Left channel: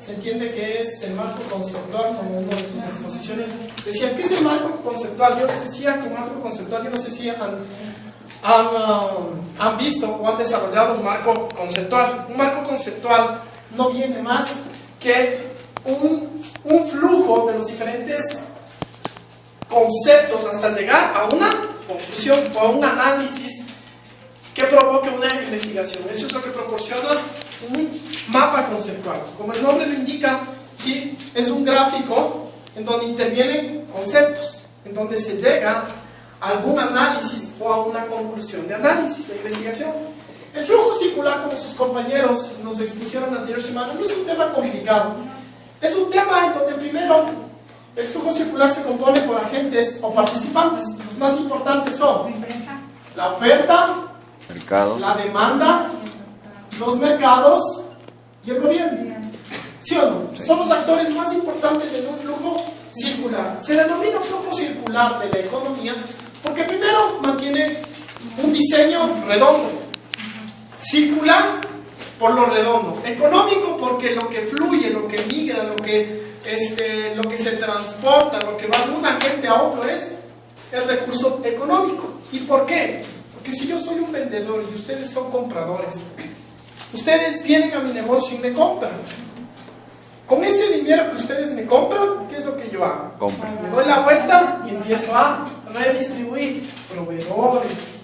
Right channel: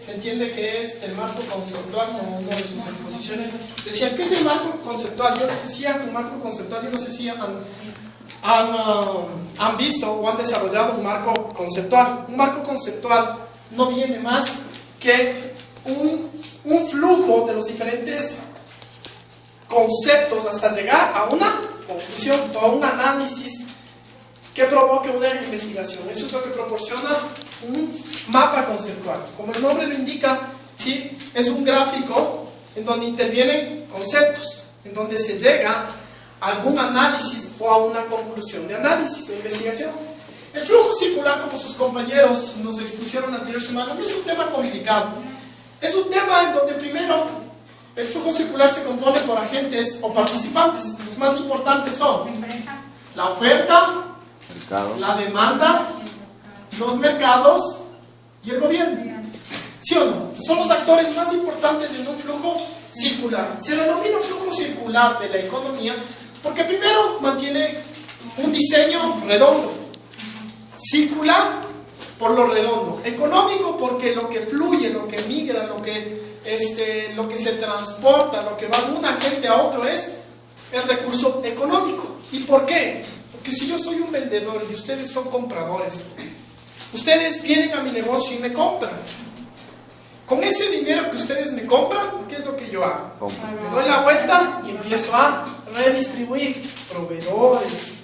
se entiende que es el marco conceptual, como una de sus exposiciones decía, ¿qué es el marco conceptual? Yo les decía con marco conceptual, yo no sé si han visto o han desarrollado un marco conceptual. Un marco conceptual no viene más que un flujo de los diferentes conceptos hasta llegar a una conclusión o a un análisis que provoque una investigación. Eso es lo que proporciona un mapa conceptual. Como el nombre lo indica, ¿sí? Es un gráfico en donde intervienen conceptos, en donde se llega a algún análisis o a una conclusión de análisis, de investigación. El flujo circular, como sus compañeros nos expusieron la anterior semana, no es un tema complicado. Es un tema en donde primero el flujo circular se compone por agentes o participantes. Los más importantes son la oferta, la demanda, los mercados y el gobierno. ¿Sí o no? Son los actores más importantes en un flujo circular. Se denomina flujo circular de la economía porque primero mantiene un diseño redondo. Circular por lo redondo. Económico porque lo que fluye, lo que migra, lo que se transporta, lo que va de un agente a otro es el recurso económico. ¿Y por qué? Porque si yo soy un vendedor y ustedes son compradores, ustedes vienen a mi negocio y me compran. Con ese dinero que ustedes me compran, ¿qué es lo que yo hago? Me doy la vuelta y empiezo a redistribuir proveedores,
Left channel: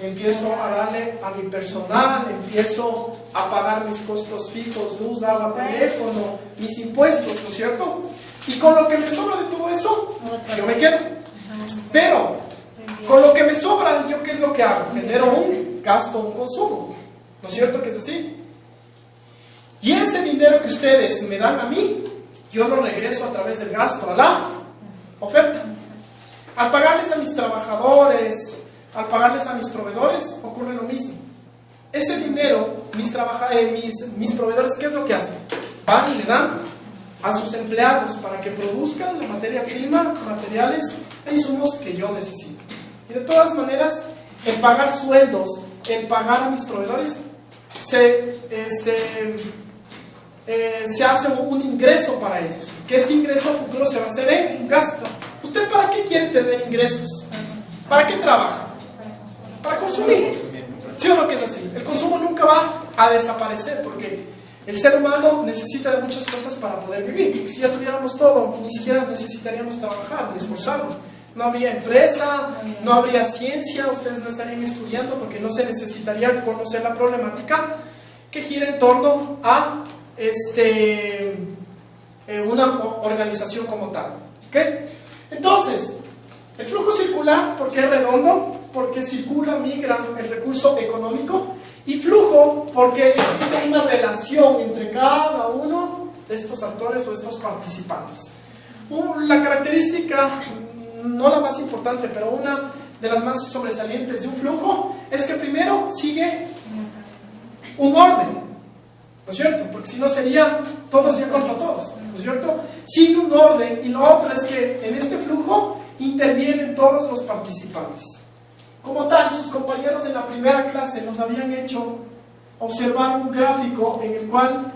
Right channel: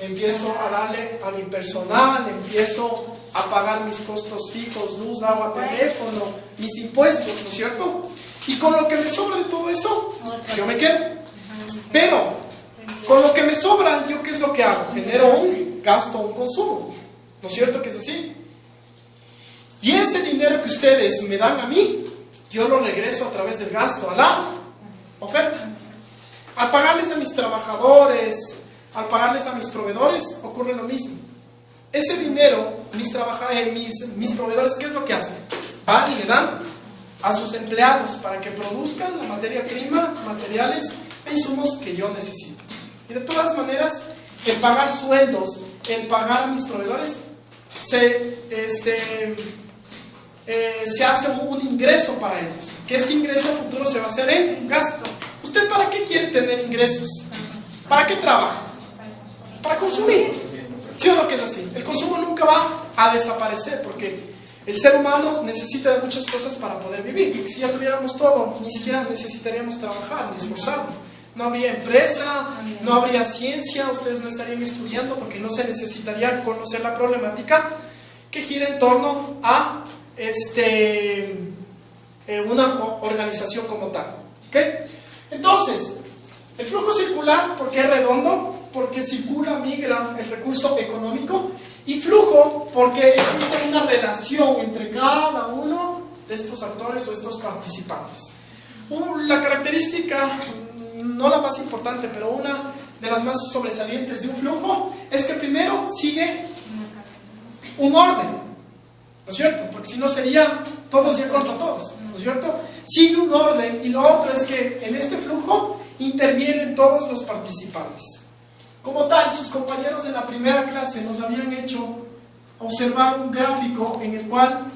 empiezo a darle a mi personal, empiezo a pagar mis costos fijos, luz, agua, teléfono, mis impuestos, ¿no es cierto? Y con lo que me sobra de todo eso, yo me quedo. Pero, con lo que me sobra, ¿yo qué es lo que hago? Genero un gasto, un consumo. ¿No es cierto que es así? Y ese dinero que ustedes me dan a mí, yo lo regreso a través del gasto a la oferta. Al pagarles a mis trabajadores, al pagarles a mis proveedores, ocurre lo mismo. Ese dinero, mis proveedores, ¿qué es lo que hacen? Van y le dan a sus empleados para que produzcan la materia prima, materiales e insumos que yo necesito. Y de todas maneras, el pagar sueldos, el pagar a mis proveedores, se hace un ingreso para ellos. Que este ingreso a futuro se va a hacer en gasto. ¿Usted para qué quiere tener ingresos? ¿Para qué trabaja? Para consumir. ¿Sí o no que es así? El consumo nunca va a desaparecer porque el ser humano necesita de muchas cosas para poder vivir. Si ya tuviéramos todo, ni siquiera necesitaríamos trabajar, esforzarnos. No habría empresa, no habría ciencia, ustedes no estarían estudiando porque no se necesitaría conocer la problemática que gira en torno a una organización como tal. ¿Okay? Entonces, el flujo circular, ¿por qué es redondo? Porque circula, migra el recurso económico, y flujo porque existe una relación entre cada uno de estos actores o estos participantes. La característica, no la más importante, pero una de las más sobresalientes de un flujo es que primero sigue un orden, ¿no es cierto? Porque si no sería todos y contra todos, ¿no es cierto? Sigue un orden, y lo otro es que en este flujo intervienen todos los participantes. Como tal, sus compañeros en la primera clase nos habían hecho observar un gráfico en el cual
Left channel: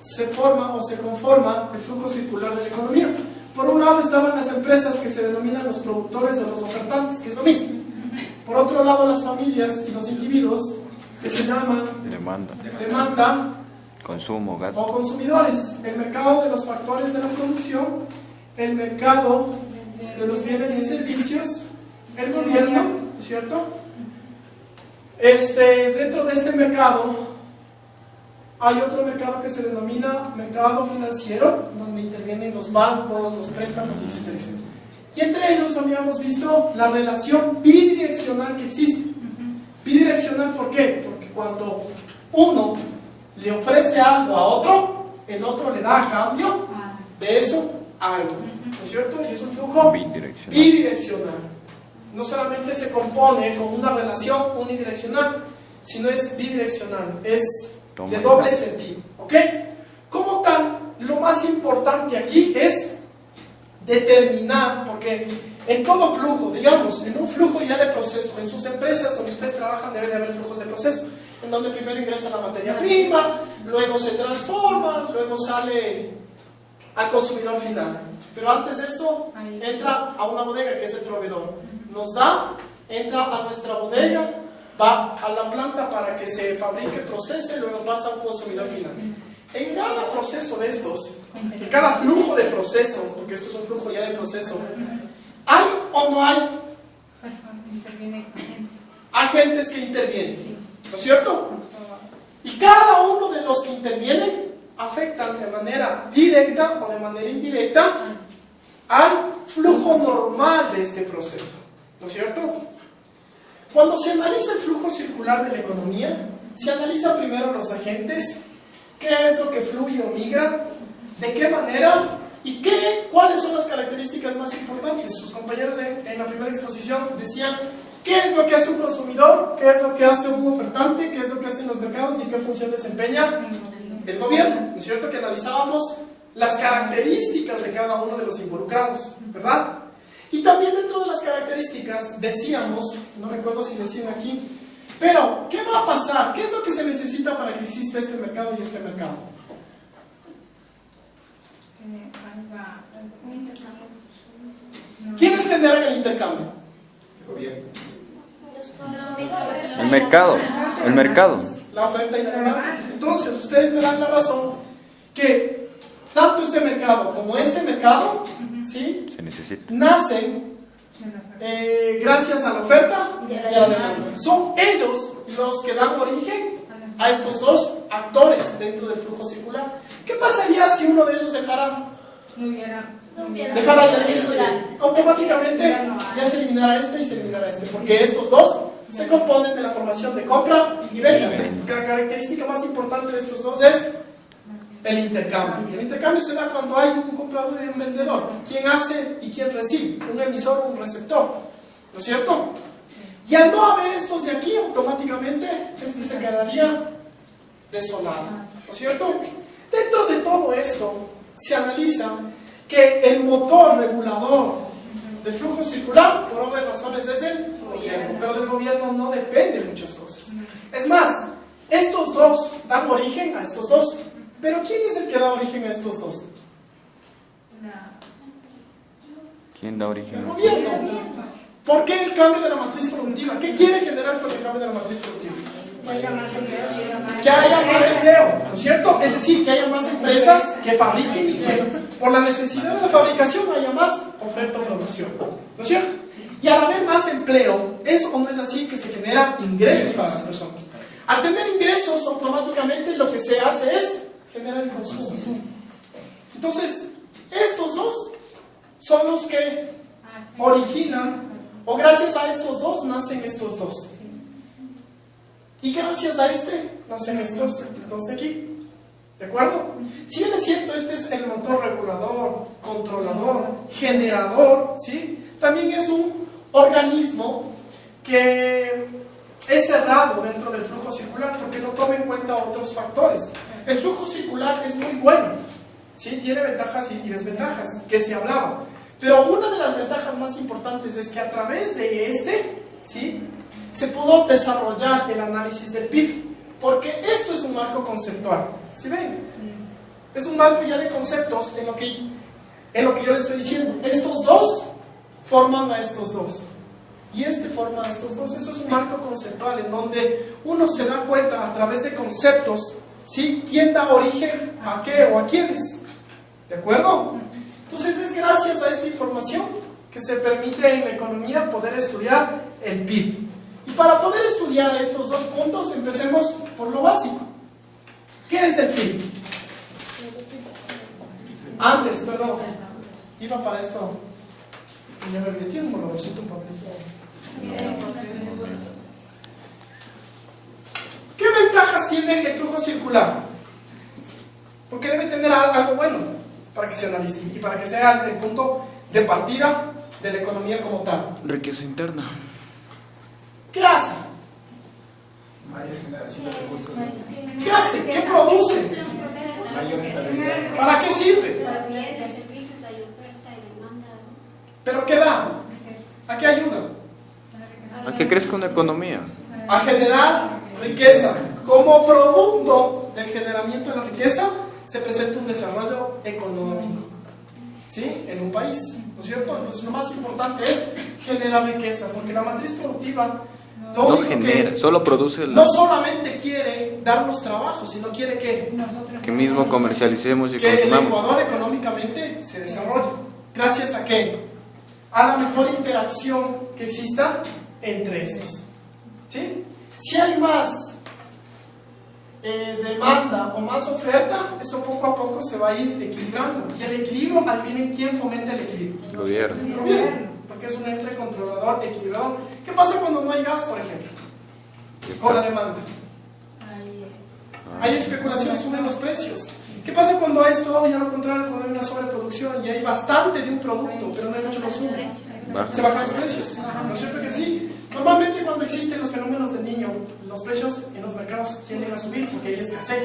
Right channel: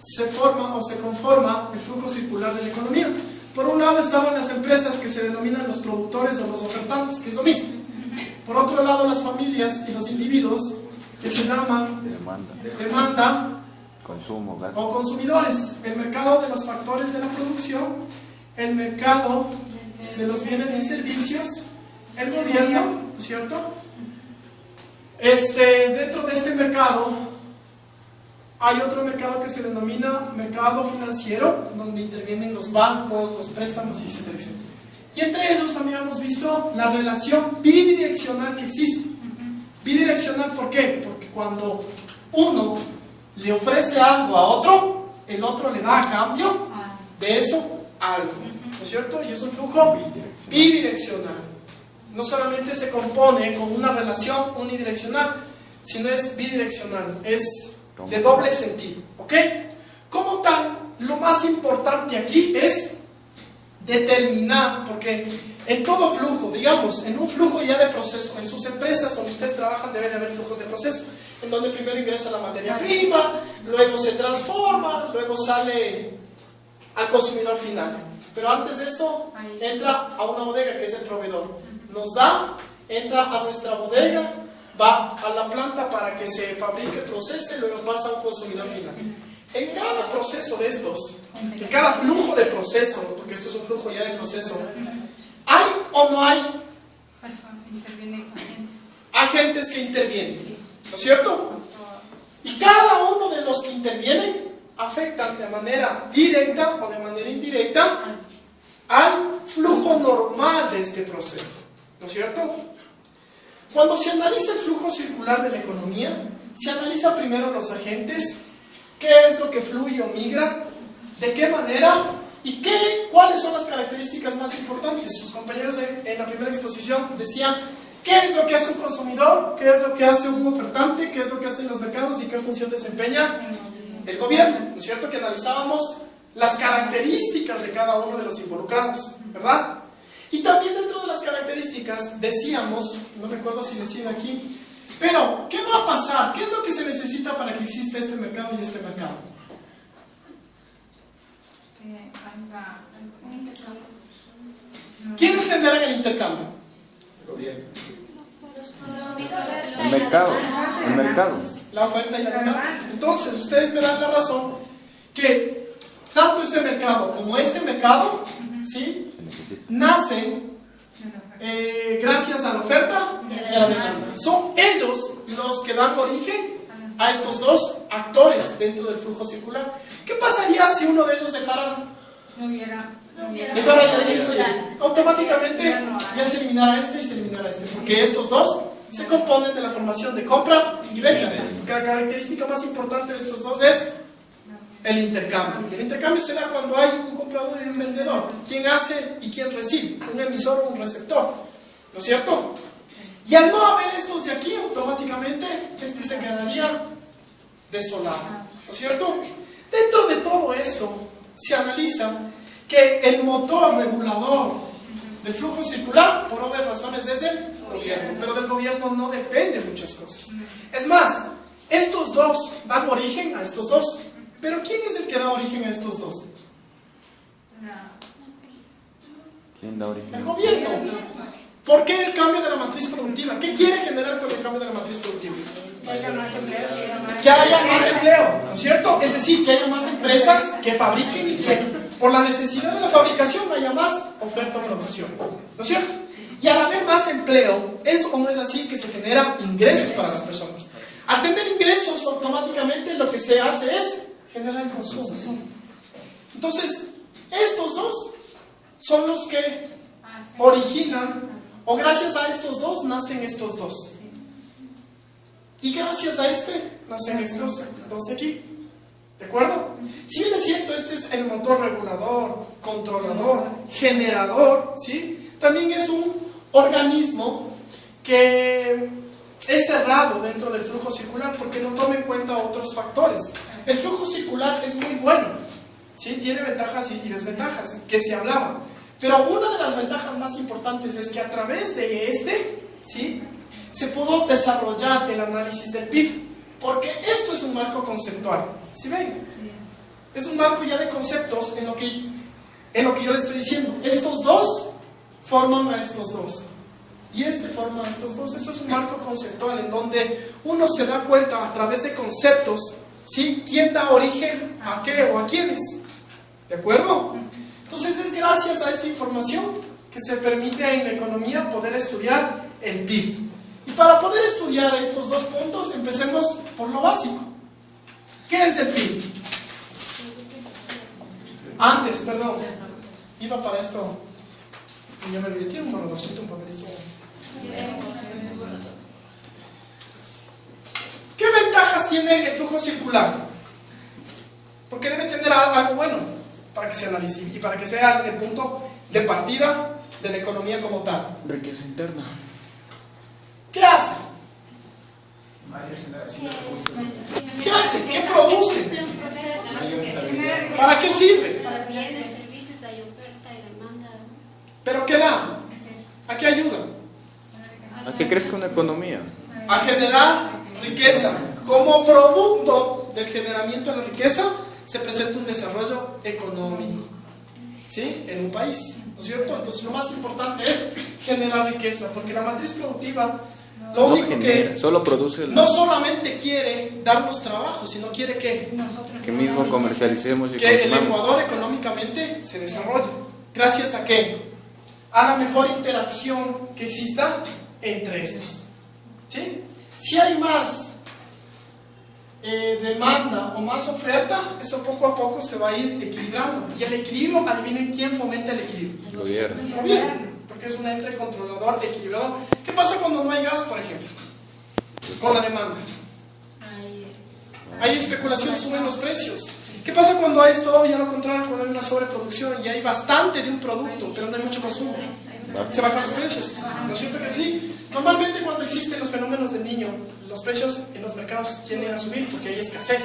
se forma o se conforma el flujo circular de la economía. Por un lado estaban las empresas que se denominan los productores o los ofertantes, que es lo mismo. Por otro lado, las familias y los individuos, que se llaman demanda, consumo, gasto, o consumidores. El mercado de los factores de la producción, el mercado de los bienes y servicios, el gobierno, ¿no es cierto? Dentro de este mercado hay otro mercado que se denomina mercado financiero, donde intervienen los bancos, los préstamos, etcétera, etcétera. Y entre ellos habíamos visto la relación bidireccional que existe. Bidireccional, ¿por qué? Porque cuando uno le ofrece algo a otro, el otro le da a cambio de eso algo, ¿no es cierto? Y es un flujo bidireccional. No solamente se compone con una relación unidireccional, sino es bidireccional, es de doble sentido, ¿ok? Como tal, lo más importante aquí es determinar, porque en todo flujo, digamos, en un flujo ya de proceso, en sus empresas donde ustedes trabajan debe de haber flujos de proceso, en donde primero ingresa la materia prima, luego se transforma, luego sale al consumidor final. Pero antes de esto, entra a una bodega que es el proveedor. Nos da, entra a nuestra bodega, va a la planta para que se fabrique, procese, luego pasa a un consumidor final. En cada proceso de estos, en cada flujo de proceso, porque esto es un flujo ya de proceso, ¿hay o no hay agentes que intervienen? ¿No es cierto? Y cada uno de los que intervienen afectan de manera directa o de manera indirecta al flujo normal de este proceso. ¿No es cierto? Cuando se analiza el flujo circular de la economía, se analiza primero los agentes, qué es lo que fluye o migra, de qué manera y cuáles son las características más importantes. Sus compañeros en la primera exposición decían qué es lo que hace un consumidor, qué es lo que hace un ofertante, qué es lo que hacen los mercados y qué función desempeña el gobierno. ¿No es cierto? Que analizábamos las características de cada uno de los involucrados, ¿verdad? Y también dentro de las características decíamos, no recuerdo si decían aquí, pero ¿qué va a pasar? ¿Qué es lo que se necesita para que exista este mercado y este mercado? ¿Quiénes generan el intercambio? El mercado. La oferta y la demanda. Entonces, ustedes verán la razón que tanto este mercado como este mercado, ¿sí?, nacen gracias a la oferta y a la demanda. Son ellos los que dan origen a estos dos actores dentro del flujo circular. ¿Qué pasaría si uno de ellos dejara de existir? Automáticamente ya se eliminara este y se eliminara este, porque estos dos se componen de la formación de compra y venta. La característica más importante de estos dos es el intercambio. Y el intercambio se da cuando hay un comprador y un vendedor. ¿Quién hace y quién recibe? Un emisor o un receptor. ¿No es cierto? Y al no haber estos de aquí, automáticamente este se quedaría desolado. ¿No es cierto? Dentro de todo esto se analiza que el motor regulador del flujo circular, por obvias razones, es el gobierno. Pero del gobierno no depende muchas cosas. Es más, estos dos dan origen a estos dos. Pero ¿quién es el que da origen a estos dos? ¿Quién da origen? El gobierno. ¿Por qué el cambio de la matriz productiva? ¿Qué quiere generar con el cambio de la matriz productiva? Que haya más empleo, ¿no es cierto? Es decir, que haya más empresas que fabriquen y que por la necesidad de la fabricación haya más oferta o producción, ¿no es cierto? Y al haber más empleo, ¿es o no es así que se generan ingresos para las personas? Al tener ingresos, automáticamente lo que se hace es generar el consumo. Entonces, estos dos son los que originan, o gracias a estos dos nacen estos dos. Y gracias a este nacen estos dos de aquí. ¿De acuerdo? Si bien es cierto, este es el motor regulador, controlador, generador, ¿sí? También es un organismo que es cerrado dentro del flujo circular porque no toma en cuenta otros factores. El flujo circular es muy bueno, ¿sí? Tiene ventajas y desventajas que se hablaban, pero una de las ventajas más importantes es que a través de este, ¿sí?, se pudo desarrollar el análisis del PIB, porque esto es un marco conceptual. ¿Sí ven? Es un marco ya de conceptos en lo que yo les estoy diciendo. Estos dos forman a estos dos y este forma a estos dos. Eso es un marco conceptual en donde uno se da cuenta a través de conceptos, ¿sí?, quién da origen a qué o a quiénes. ¿De acuerdo? Entonces es gracias a esta información que se permite en la economía poder estudiar el PIB. Y para poder estudiar estos dos puntos, empecemos por lo básico. ¿Qué es el PIB? Antes, perdón, iba para esto, y me olvidé un bolsito, un papelito. ¿Qué ventajas tiene el flujo circular? Porque debe tener algo bueno para que se analice y para que sea el punto de partida de la economía como tal. Riqueza interna. ¿Qué hace? ¿Qué hace? ¿Qué produce? ¿Para qué sirve? ¿Pero qué da? ¿A qué ayuda? ¿A qué crezca una economía? A generar riqueza como producto del generamiento desarrollo económico, ¿sí? En un país, ¿no es cierto? Entonces lo más importante es generar riqueza, porque la matriz productiva lo único que solo produce no solamente quiere darnos trabajo, sino quiere que mismo comercialicemos y el consumamos. Ecuador económicamente se desarrolle. ¿Gracias a qué? A la mejor interacción que exista entre estos, ¿sí? Si hay más demanda o más oferta, eso poco a poco se va a ir equilibrando. Y el equilibrio, adivinen quién fomenta el equilibrio. El gobierno, porque es un ente controlador equilibrado. ¿Qué pasa cuando no hay gas, por ejemplo? Con la demanda. Hay especulación, suben los precios. ¿Qué pasa cuando hay esto? Ya lo contrario, cuando hay una sobreproducción y hay bastante de un producto, pero no hay mucho consumo. Se bajan los precios, ¿no es cierto que sí? Normalmente cuando existen los fenómenos del niño, los precios en los mercados tienden a subir porque hay escasez,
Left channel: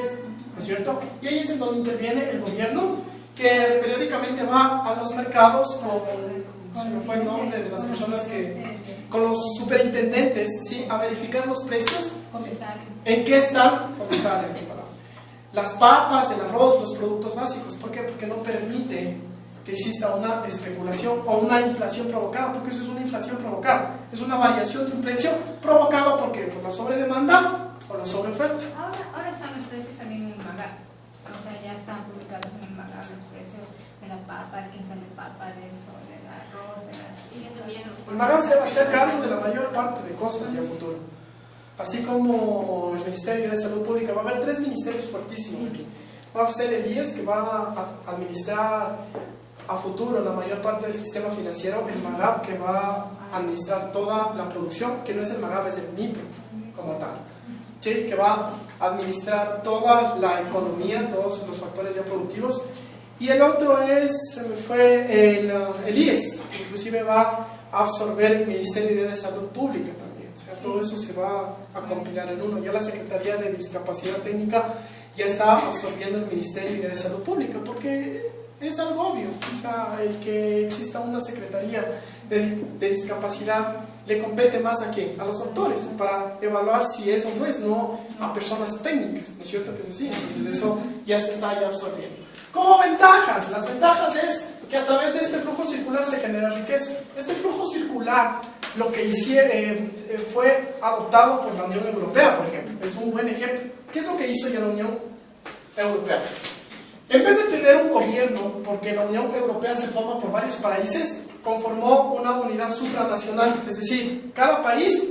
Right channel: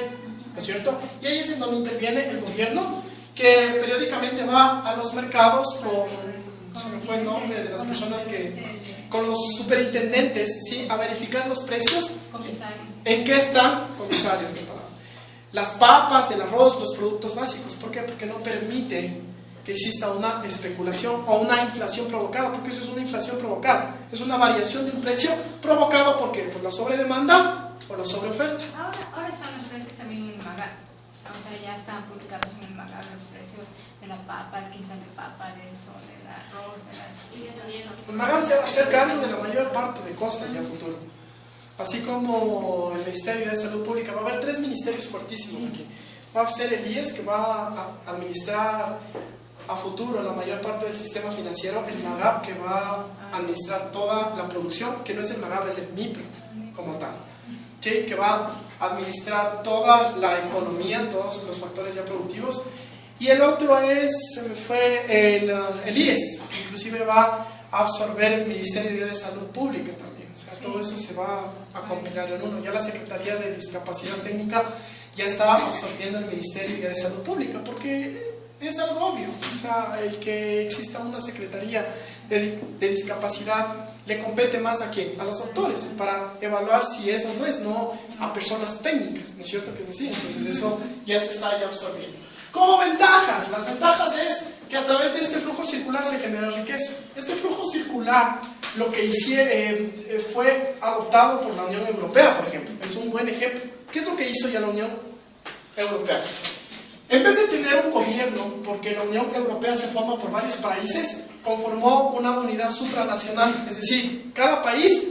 ¿no es cierto? Y ahí es en donde interviene el gobierno, que periódicamente va a los mercados con, se me fue el nombre de las personas que, con los superintendentes, ¿sí? A verificar los precios, en qué están, comisarios, las papas, el arroz, los productos básicos. ¿Por qué? Porque no permite que exista una especulación o una inflación provocada, porque eso es una inflación provocada, es una variación de un precio provocado ¿por qué? Por la sobredemanda o la sobreoferta. Ahora están los precios también en Maga, o sea, ya están publicados en el Maga los precios de la papa, el quintal de papa, del arroz, de las... El Maga se va a hacer cargo de la mayor parte de cosas ya a futuro, así como el Ministerio de Salud Pública. Va a haber 3 ministerios fuertísimos aquí. Va a ser el IES, que va a administrar a futuro la mayor parte del sistema financiero, el MAGAP, que va a administrar toda la producción, que no es el MAGAP, es el MIPRO como tal, ¿sí? Que va a administrar toda la economía, todos los factores ya productivos. Y el otro fue el IES, que inclusive va a absorber el Ministerio de Salud Pública también. O sea, todo eso se va a compilar en uno. Ya la Secretaría de Discapacidad Técnica ya está absorbiendo el Ministerio de Salud Pública, porque es algo obvio. O sea, el que exista una Secretaría de Discapacidad le compete más a quién, a los doctores, para evaluar si eso no es, no a personas técnicas, ¿no es cierto que es así? Entonces eso ya se está absorbiendo. Como ventajas, las ventajas es que a través de este flujo circular se genera riqueza. Este flujo circular, lo que fue adoptado por la Unión Europea, por ejemplo, es un buen ejemplo. ¿Qué es lo que hizo ya la Unión Europea? En vez de tener un gobierno, porque la Unión Europea se forma por varios países, conformó una unidad supranacional, es decir, cada país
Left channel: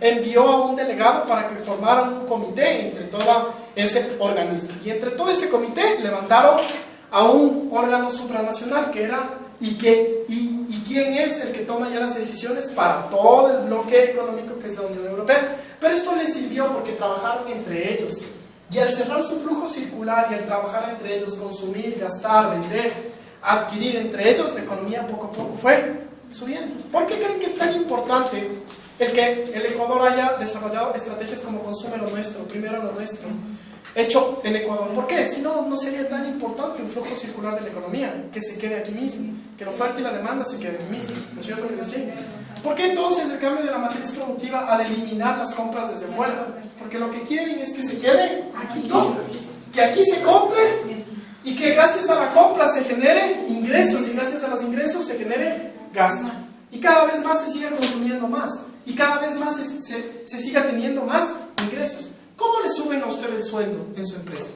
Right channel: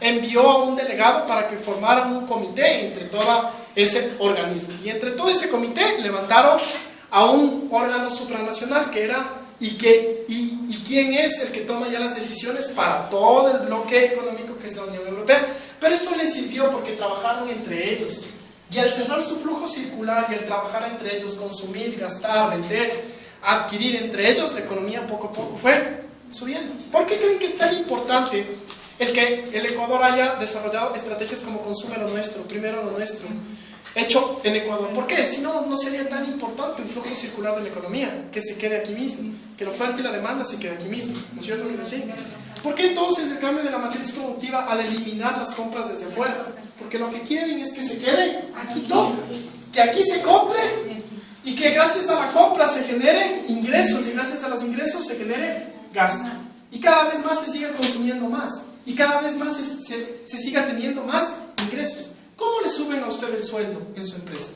envió a un delegado para que formaran un comité entre todo ese organismo. Y entre todo ese comité levantaron a un órgano supranacional que era, y quién es el que toma ya las decisiones para todo el bloque económico que es la Unión Europea. Pero esto les sirvió porque trabajaron entre ellos. Y al cerrar su flujo circular y al trabajar entre ellos, consumir, gastar, vender, adquirir entre ellos, la economía poco a poco fue subiendo. ¿Por qué creen que es tan importante el que el Ecuador haya desarrollado estrategias como consume lo nuestro, primero lo nuestro, hecho en Ecuador? ¿Por qué? Si no, no sería tan importante un flujo circular de la economía, que se quede aquí mismo, que la oferta y la demanda se quede aquí mismo, ¿no es cierto que es así? ¿Por qué entonces el cambio de la matriz productiva al eliminar las compras desde fuera? Porque lo que quieren es que se quede aquí todo, que aquí se compre y que gracias a la compra se genere ingresos, y gracias a los ingresos se genere gasto. Y cada vez más se siga consumiendo más, y cada vez más se siga teniendo más ingresos. ¿Cómo le suben a usted el sueldo en su empresa?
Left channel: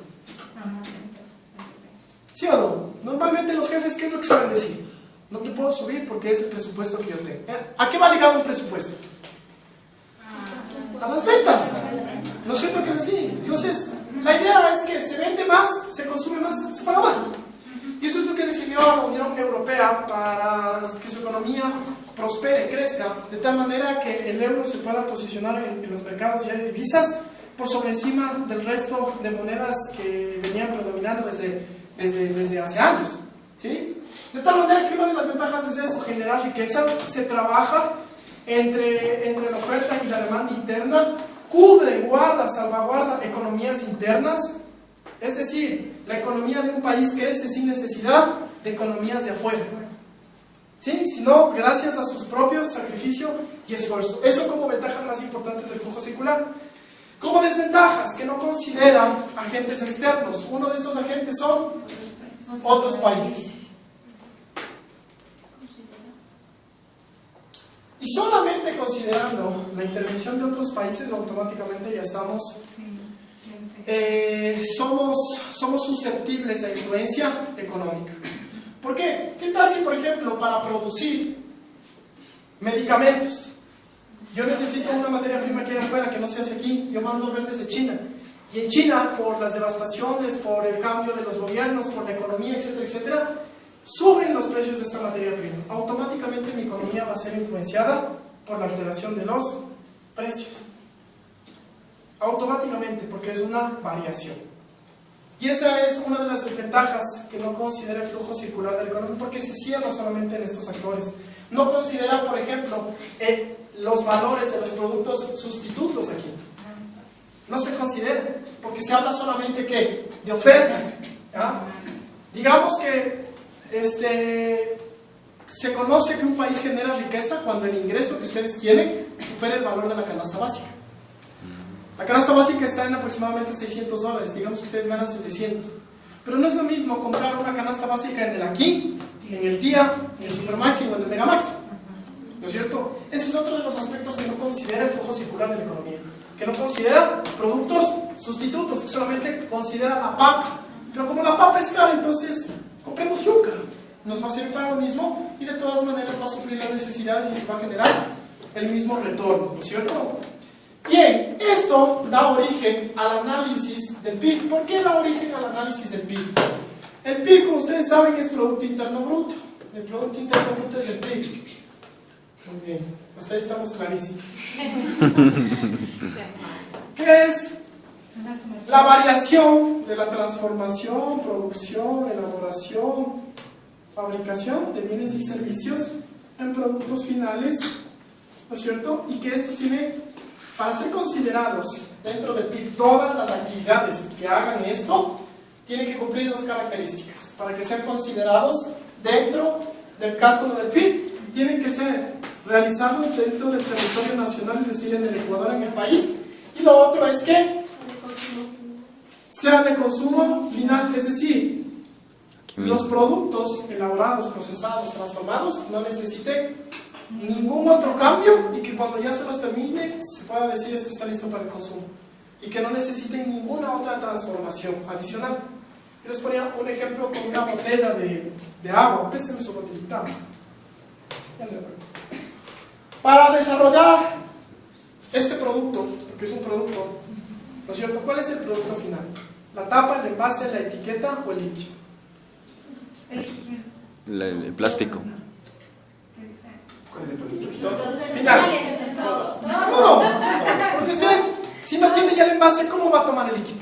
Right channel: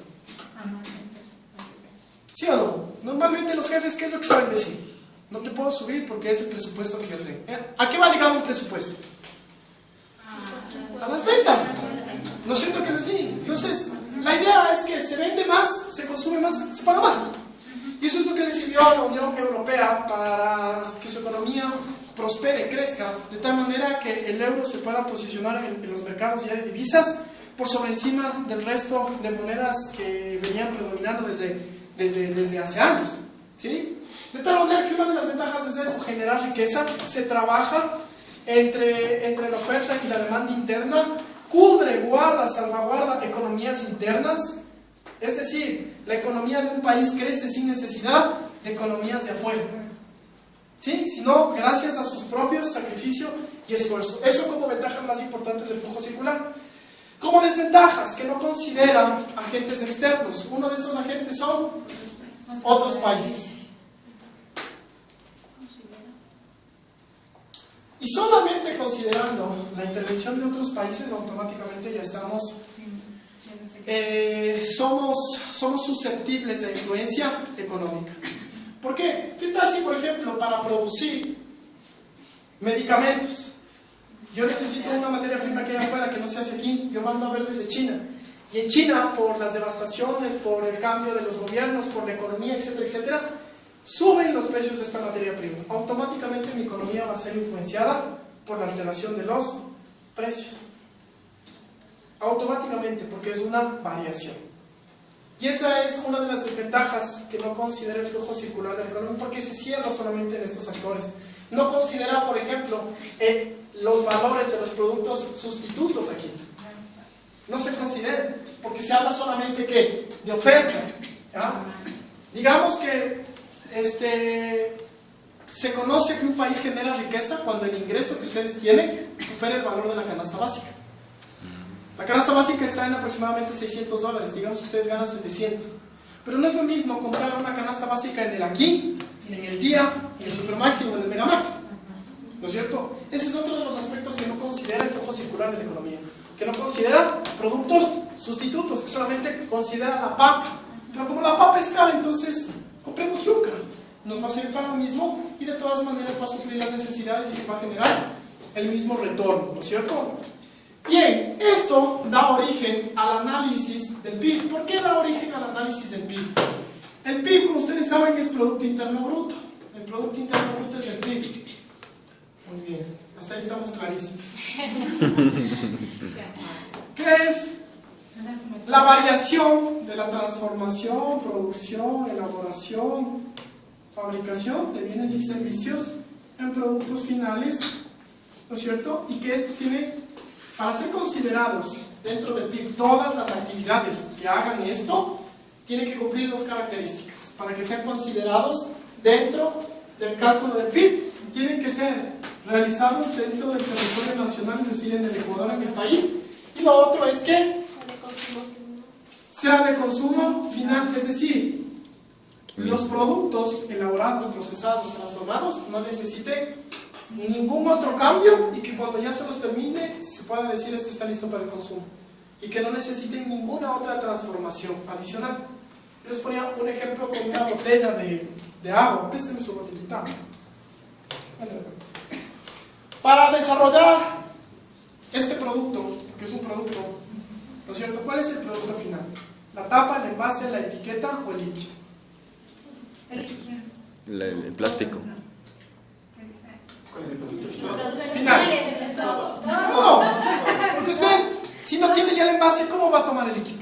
¿Sí o no? Normalmente los jefes, ¿qué es lo que saben decir? No te puedo subir porque es el presupuesto que yo tengo. ¿A qué va ligado un presupuesto? A las ventas. ¿No es cierto que es así? Entonces, la idea es que se vende más, se consume más, se paga más. Y eso es lo que le sirvió a la Unión Europea para que su economía prospere, crezca, de tal manera que el euro se pueda posicionar en los mercados ya de divisas por sobre encima del resto de monedas que venían predominando desde hace años, ¿sí? De tal manera que una de las ventajas es eso, generar riqueza. Se trabaja entre la oferta y la demanda interna, cubre, guarda, salvaguarda economías internas, es decir, la economía de un país crece sin necesidad de economías de afuera, ¿sí? Sino gracias a sus propios sacrificios y esfuerzo. Eso como ventajas más importantes del flujo circular. Como desventajas, que no considera agentes externos. Uno de estos agentes son otros países. Y solamente considerando la intervención de otros países, automáticamente ya estamos, somos susceptibles a influencia económica. ¿Por qué? ¿Qué tal si, por ejemplo, para producir medicamentos, yo necesito una materia prima que hay afuera que no se hace aquí, yo mando a ver desde China? Y en China, por las devastaciones, por el cambio de los gobiernos, por la economía, etcétera, etcétera, suben los precios de esta materia prima. Automáticamente mi economía va a ser influenciada por la alteración de los precios. Automáticamente, porque es una variación. Y esa es una de las desventajas que no considera el flujo circular de la economía, porque se cierra solamente en estos actores. No considera, por ejemplo, los valores de los productos sustitutos aquí. No se considera, porque se habla solamente ¿qué? De oferta. ¿Ya? Digamos que se conoce que un país genera riqueza cuando el ingreso que ustedes tienen supera el valor de la canasta básica. La canasta básica está en aproximadamente $600, digamos que ustedes ganan 700. Pero no es lo mismo comprar una canasta básica en el aquí, en el día, en el Supermax o en el Megamax. ¿No es cierto? Ese es otro de los aspectos que no considera el flujo circular de la economía. Que no considera productos sustitutos, que solamente considera la papa. Pero como la papa es cara, entonces compremos yuca. Nos va a servir para lo mismo y de todas maneras va a suplir las necesidades y se va a generar el mismo retorno, ¿no es cierto? Bien, esto da origen al análisis del PIB. ¿Por qué da origen al análisis del PIB? El PIB, como ustedes saben, es Producto Interno Bruto. El Producto Interno Bruto es el PIB. Muy bien, hasta ahí estamos clarísimos. ¿Qué es? La variación de la transformación, producción, elaboración, fabricación de bienes y servicios en productos finales, ¿no es cierto? Y que estos tienen, para ser considerados dentro del PIB, todas las actividades que hagan esto, tienen que cumplir dos características. Para que sean considerados dentro del cálculo del PIB, tienen que ser realizados dentro del territorio nacional, es decir, en el Ecuador, en el país. Y lo otro es que sea de consumo final, es decir, los productos elaborados, procesados, transformados no necesiten ningún otro cambio y que cuando ya se los termine se pueda decir esto está listo para el consumo y que no necesiten ninguna otra transformación adicional. Yo les ponía un ejemplo con una botella de agua. Présteme su botellita. Para desarrollar este producto, que es un producto, ¿no es cierto? ¿Cuál es el producto final? ¿La tapa, el envase, la etiqueta o el líquido? El plástico. ¿Cuál es el producto? Final. Todo. Porque usted, si no tiene ya el envase, ¿cómo va a tomar el líquido?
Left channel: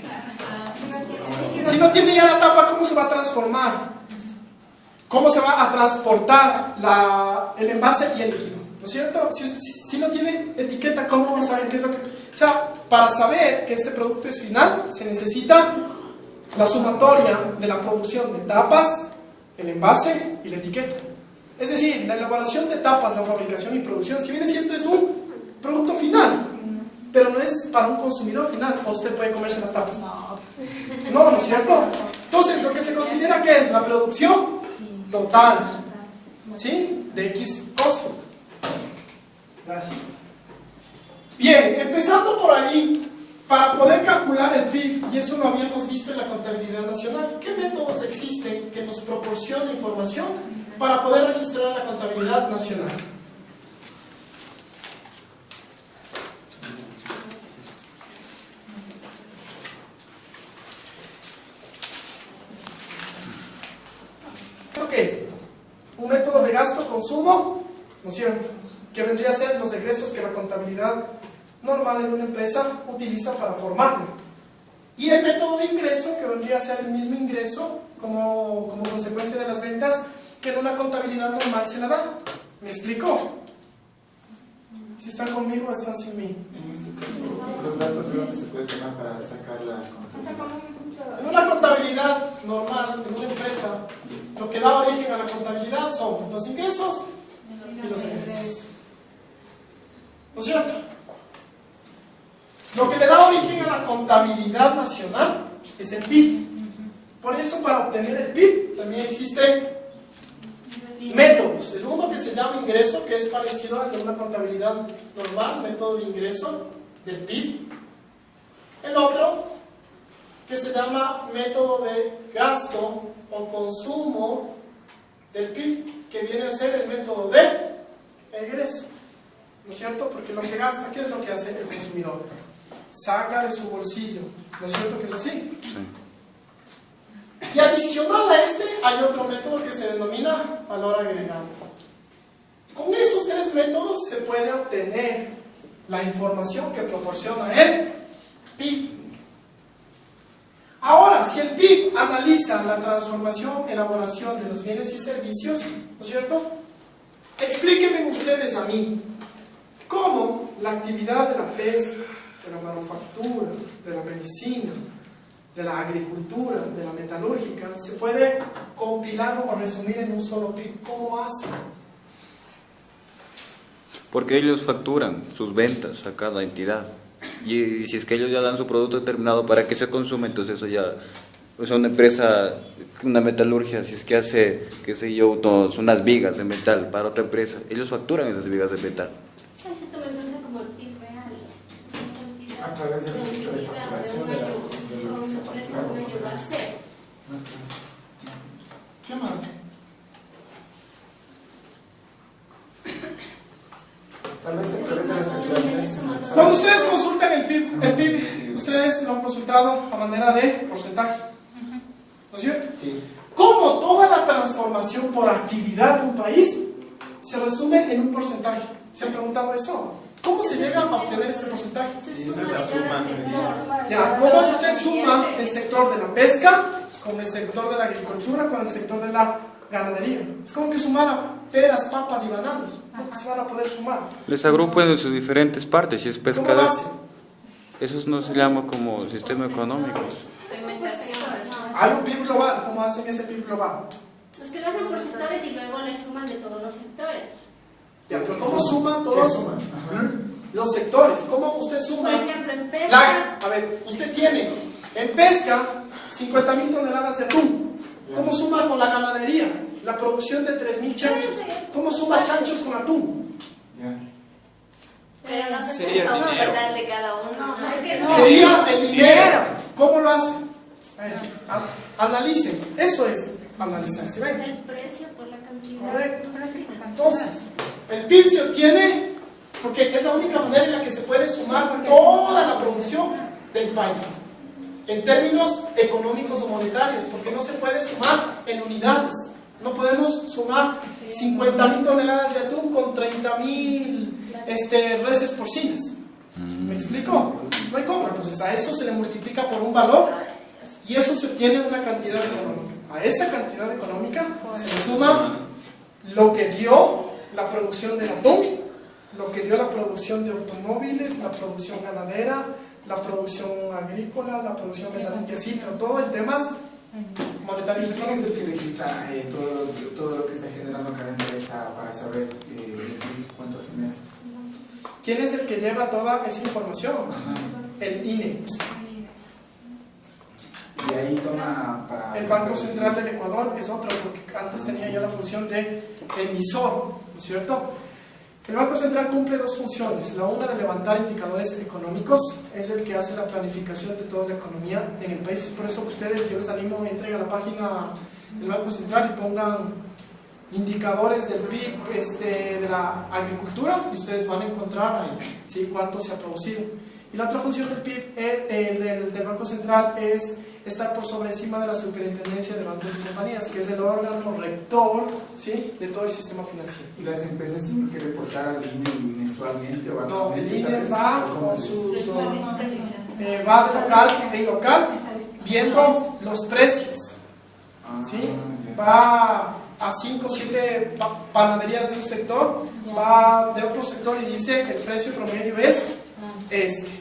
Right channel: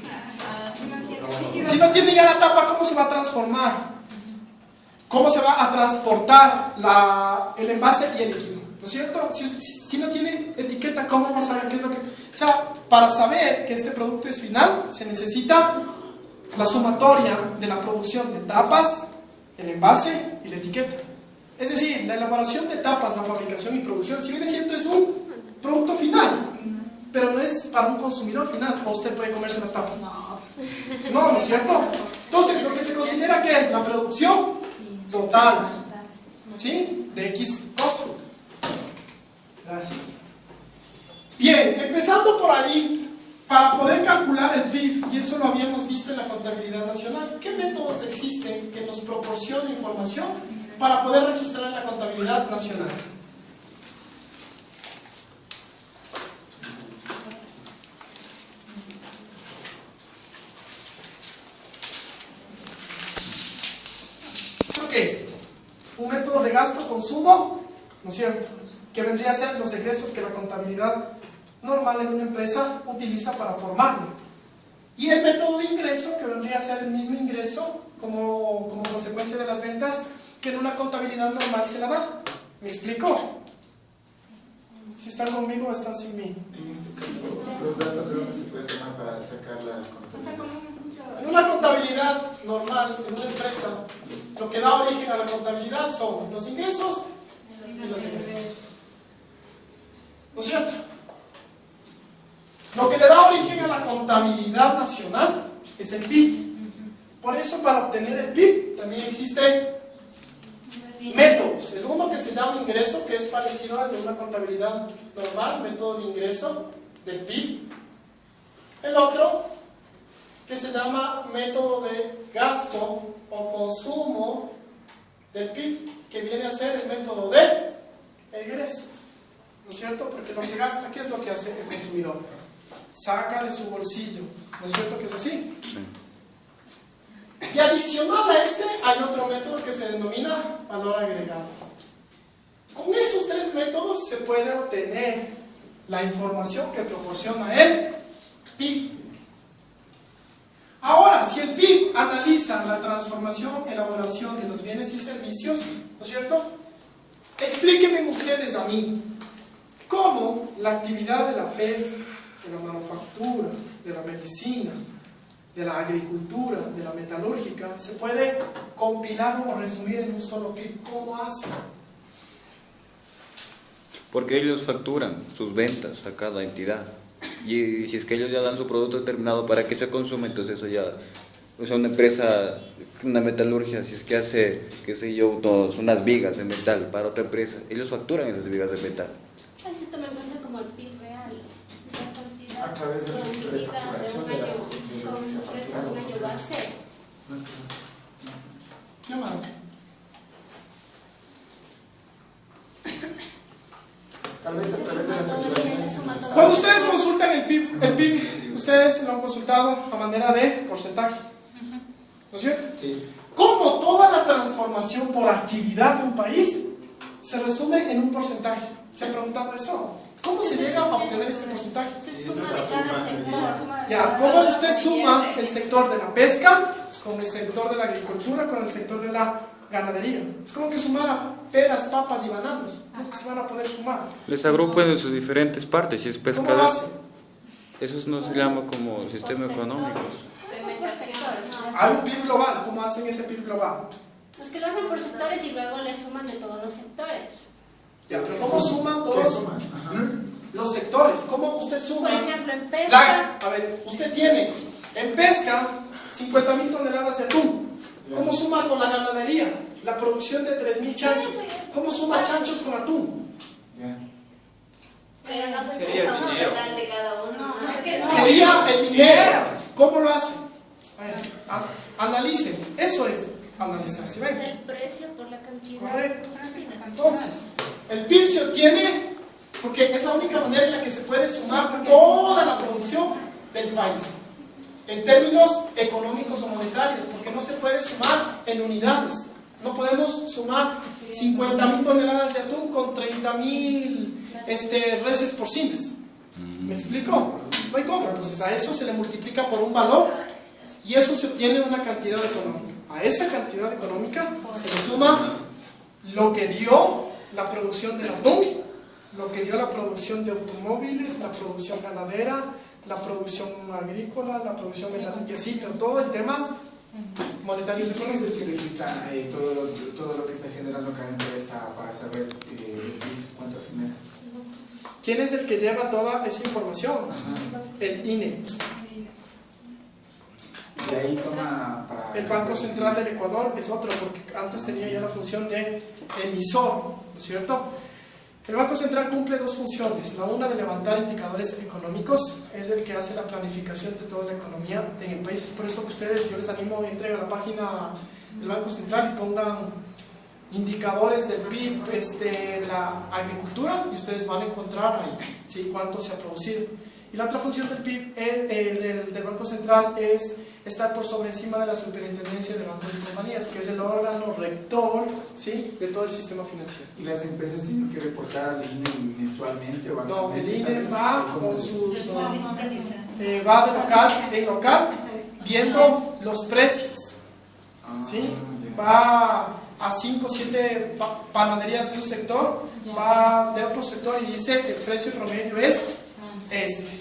Si no tiene ya la tapa, ¿cómo se va a transformar? ¿Cómo se va a transportar el envase y el líquido? ¿No es cierto? Si no tiene etiqueta, ¿cómo va a saber qué es lo que...? O sea, para saber que este producto es final, se necesita la sumatoria de la producción de tapas, el envase y la etiqueta. Es decir, la elaboración de tapas, la fabricación y producción, si bien es cierto, es un producto final, pero no es para un consumidor final. ¿O usted puede comerse las tapas? No es cierto. Entonces, lo que se considera que es la producción total, ¿sí? De X cosa. Gracias. Bien, empezando por allí, para poder calcular el PIB, y eso lo habíamos visto en la contabilidad nacional, ¿qué métodos existen que nos proporcionan información para poder registrar en la contabilidad nacional? ¿Eso qué es? Un método de gasto-consumo, ¿no es cierto?, que vendría a ser los egresos que la contabilidad normal en una empresa utiliza para formarlo. Y el método de ingreso, que vendría a ser el mismo ingreso como consecuencia de las ventas que en una contabilidad normal se la da. ¿Me explico? Si están conmigo o están sin mí. En este caso, los datos de dónde se puede tomar para sacar la contabilidad. En una contabilidad normal, en una empresa, lo que da origen a la contabilidad son los ingresos y los egresos. ¿No es cierto? Lo que le da origen eso para obtener el PIB también existen métodos. El uno que se llama ingreso, que es parecido al de una contabilidad normal, método de ingreso del PIB. El otro que se llama método de gasto o consumo del PIB, que viene a ser el método de egreso, ¿no es cierto? Porque lo que gasta, ¿qué es lo que hace el consumidor? Saca de su bolsillo, ¿no es cierto que es así? Y adicional a este hay otro método que se denomina valor agregado. Con estos tres métodos se puede obtener la información que proporciona el PIB. Ahora, si el PIB analiza la transformación, elaboración de los bienes y servicios, ¿no es cierto? Explíquenme ustedes a mí cómo la actividad de la pesca, de la manufactura, de la medicina, de la agricultura, de la metalúrgica, se puede compilar o resumir en un solo PIB. ¿Cómo hace? Porque ellos facturan sus ventas a cada entidad. Y si es que ellos ya dan su producto determinado para que se consume, entonces eso ya es una empresa, una metalurgia, si es que hace, qué sé yo, unas vigas de metal para otra empresa, ellos facturan esas vigas de metal. Eso también pasa como el PIB real, la cantidad A través de la producida de facturación un de año, lo que se con un precio de factura. un año va a ser. ¿Qué más? Tal vez a Se través de suma la todo y facturación. ahí se suma todo. Cuando ustedes consultan el PIB, ustedes lo han consultado a manera de porcentaje, ¿no es cierto? Sí. ¿Cómo toda la transformación por actividad de un país se resume en un porcentaje? ¿Se han preguntado eso? ¿Cómo se llega a obtener este porcentaje? Se suma de cada sector. Ya, ¿cómo usted suma el sector de la pesca con el sector de la agricultura, con el sector de la ganadería? Es como que sumara peras, papas y bananos. ¿Cómo que se van a poder sumar? Les agrupan en sus diferentes partes, si es ¿Cómo lo pescador. hace? Eso no se llama como sistema económico. Por sectores. Hay un PIB global. ¿Cómo hacen ese PIB global? Los que lo hacen por sectores y luego le suman de todos los sectores. Ya, pero ¿cómo suma ¿Qué todos sumas? Ajá. los sectores? ¿Cómo usted Por suma? ejemplo, en pesca, A ver, usted tiene en pesca 50.000 toneladas de atún. ¿Cómo suma con la ganadería? La producción de 3.000 chanchos. ¿Cómo suma chanchos con atún? Ya. Pero no se Sería escoge un dinero. total de cada uno. es que No. Sería el dinero. ¿Cómo lo hace? Analice. Eso es analizar. ¿Sí ven? el precio por la cantidad. Correcto. producida. Entonces, el PIB se obtiene porque es la única manera en la que se puede sumar toda la producción del país. En términos económicos o monetarios, porque no se puede sumar en unidades. No podemos sumar 50.000 toneladas de atún con 30.000 reses porcinas. ¿Me explico? No hay cómo. Entonces a eso se le multiplica por un valor y eso se obtiene una cantidad económica. A esa cantidad económica se le suma lo que dio la producción del atún, lo que dio la producción de automóviles, la producción ganadera, la producción agrícola, la producción metalúrgica, y así, pero todo en temas monetarios. ¿Quién es el que registra todo lo que está generando cada empresa para saber cuánto genera? ¿Quién es el que lleva toda esa información? El INE. Y ahí toma para... El Banco Central del Ecuador es otro, porque antes tenía yo la función de emisor, ¿no es cierto? El Banco Central cumple dos funciones. La una de levantar indicadores económicos, es el que hace la planificación de toda la economía en el país. Es por eso que ustedes, yo les animo, entren a la página del Banco Central y pongan indicadores del PIB de la agricultura y ustedes van a encontrar ahí, ¿sí?, cuánto se ha producido. Y la otra función del PIB del Banco Central es estar por sobre encima de la superintendencia de bancos y compañías, que es el órgano rector, ¿sí?, de todo el sistema financiero. ¿Y las empresas tienen que reportar al INE mensualmente o No, el anualmente? INE Tal vez, va ¿cómo con es? sus... La fiscalización. va de local en local, viendo los precios, Ah, ¿sí? ya. Va a 5 o 7 panaderías de un sector, va de otro sector y dice que el precio promedio es este.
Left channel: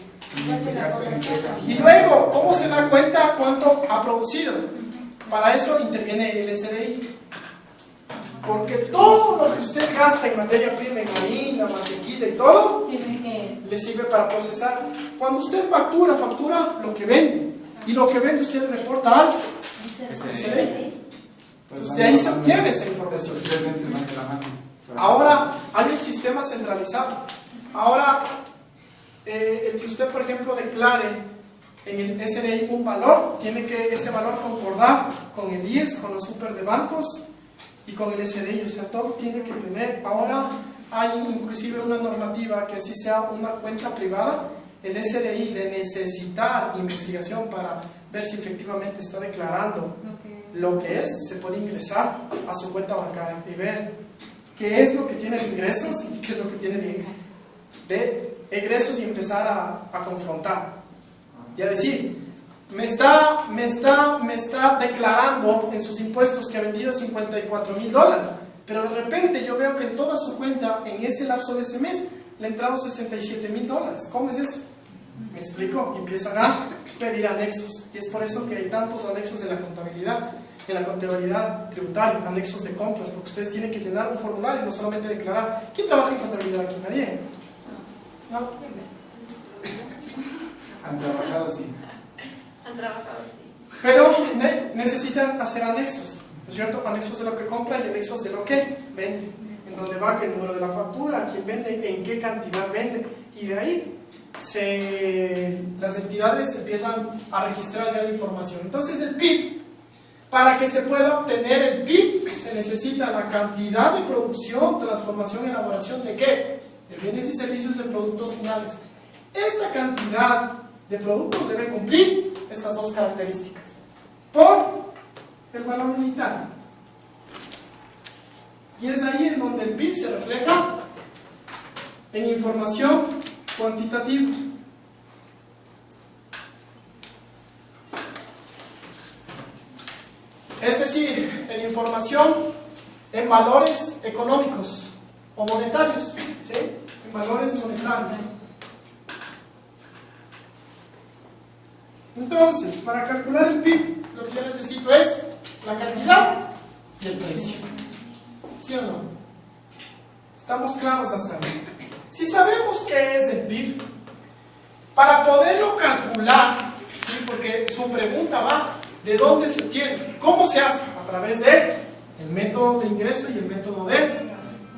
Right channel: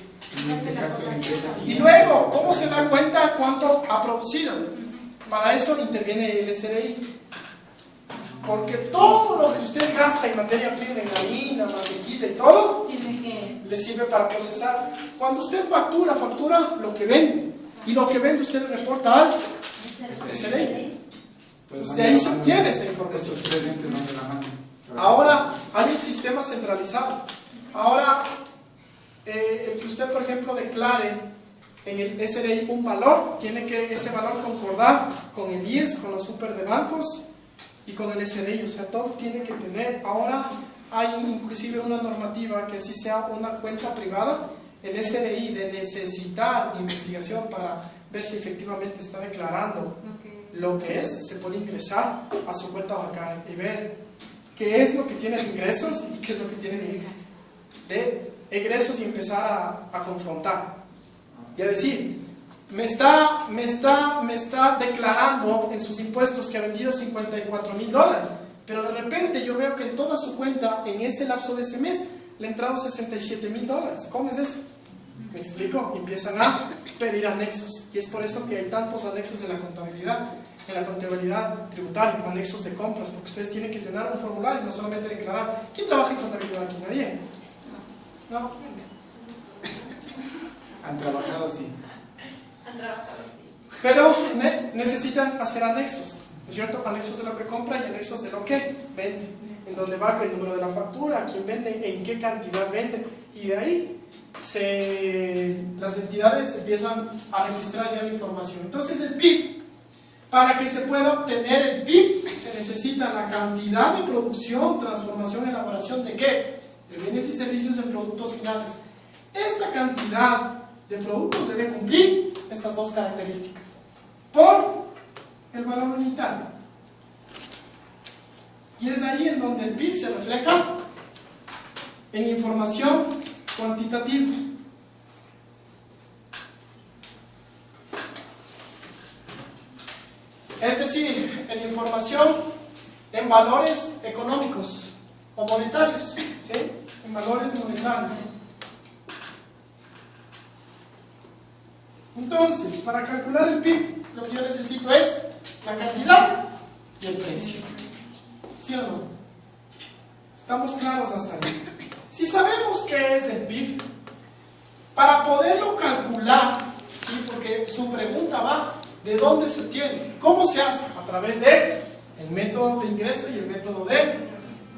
En este caso, en empresas. Y luego, ¿cómo se da cuenta cuánto ha producido? Para eso interviene el SDI. Porque todo lo que usted gasta en materia prima, en harina, mantequilla y todo, le sirve para procesar. Cuando usted factura lo que vende. Y lo que vende usted le reporta al SDI. Entonces de ahí se obtiene esa información. Ahora, Ahora hay un sistema centralizado. Ahora, el que usted, por ejemplo, declare en el SDI un valor, tiene que ese valor concordar con el IES, con la super de bancos y con el SDI. O sea, todo tiene que tener. Ahora hay inclusive una normativa que si sea una cuenta privada, el SDI de necesitar investigación para ver si efectivamente está declarando lo que es, se puede ingresar a su cuenta bancaria y ver qué es lo que tiene de ingresos y qué es lo que tiene de egresos y empezar a confrontar. Y a decir, me está declarando en sus impuestos que ha vendido $54,000, pero de repente yo veo que en toda su cuenta, en ese lapso de ese mes, le han entrado $67,000. ¿Cómo es eso? ¿Me explico? Y empiezan a pedir anexos. Y es por eso que hay tantos anexos en la contabilidad tributaria, anexos de compras, porque ustedes tienen que llenar un formulario y no solamente declarar. ¿Quién trabaja en contabilidad aquí? ¿Nadie? ¿No? han trabajado, sí. Han trabajado así. Pero necesitan hacer anexos, ¿no es cierto? Anexos de lo que compra y anexos de lo que vende. En dónde va, el número de la factura, a quién vende, en qué cantidad vende. Y de ahí las entidades empiezan a registrar ya la información. Entonces el PIB, para que se pueda obtener el PIB, se necesita la cantidad de producción, transformación, elaboración de ¿qué? De bienes y servicios en productos finales. Esta cantidad de productos debe cumplir estas dos características. Por el valor unitario. Y es ahí en donde el PIB se refleja en información cuantitativa. Es decir, en información en valores económicos o monetarios, ¿sí? En valores monetarios. Entonces, para calcular el PIB, lo que yo necesito es la cantidad y el precio. ¿Sí o no? ¿Estamos claros hasta ahí? Si sabemos qué es el PIB, para poderlo calcular, ¿sí? Porque su pregunta va, ¿de dónde se obtiene? ¿Cómo se hace? A través del método de ingreso y el método de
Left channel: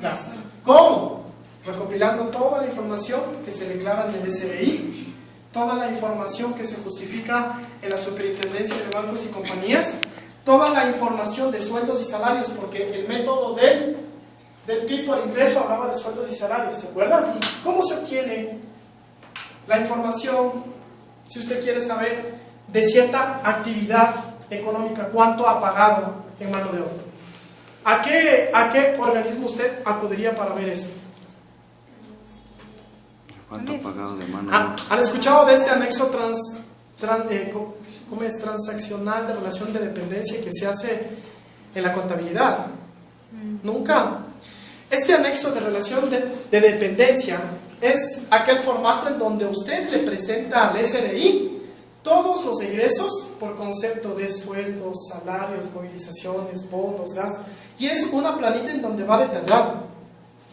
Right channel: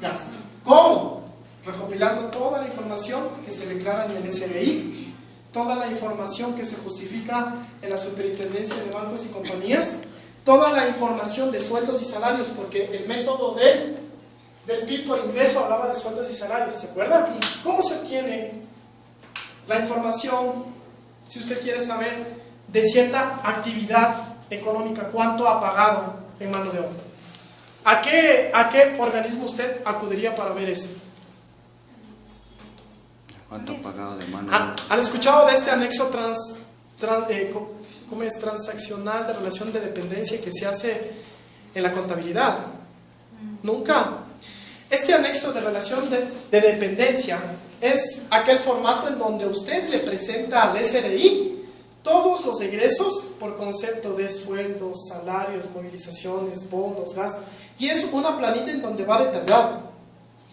gasto. ¿Cómo? Recopilando toda la información que se declara en el SDI, toda la información que se justifica en la superintendencia de bancos y compañías, toda la información de sueldos y salarios, porque el método del PIB por ingreso hablaba de sueldos y salarios, ¿se acuerdan? ¿Cómo se obtiene la información, si usted quiere saber, de cierta actividad económica? ¿Cuánto ha pagado en mano de obra? ¿A qué organismo usted acudiría para ver esto? ¿Han escuchado de este anexo transaccional de relación de dependencia que se hace en la contabilidad? Nunca. Este anexo de relación de dependencia es aquel formato en donde usted le presenta al SDI todos los egresos por concepto de sueldos, salarios, movilizaciones, bonos, gastos, y es una planilla en donde va detallado,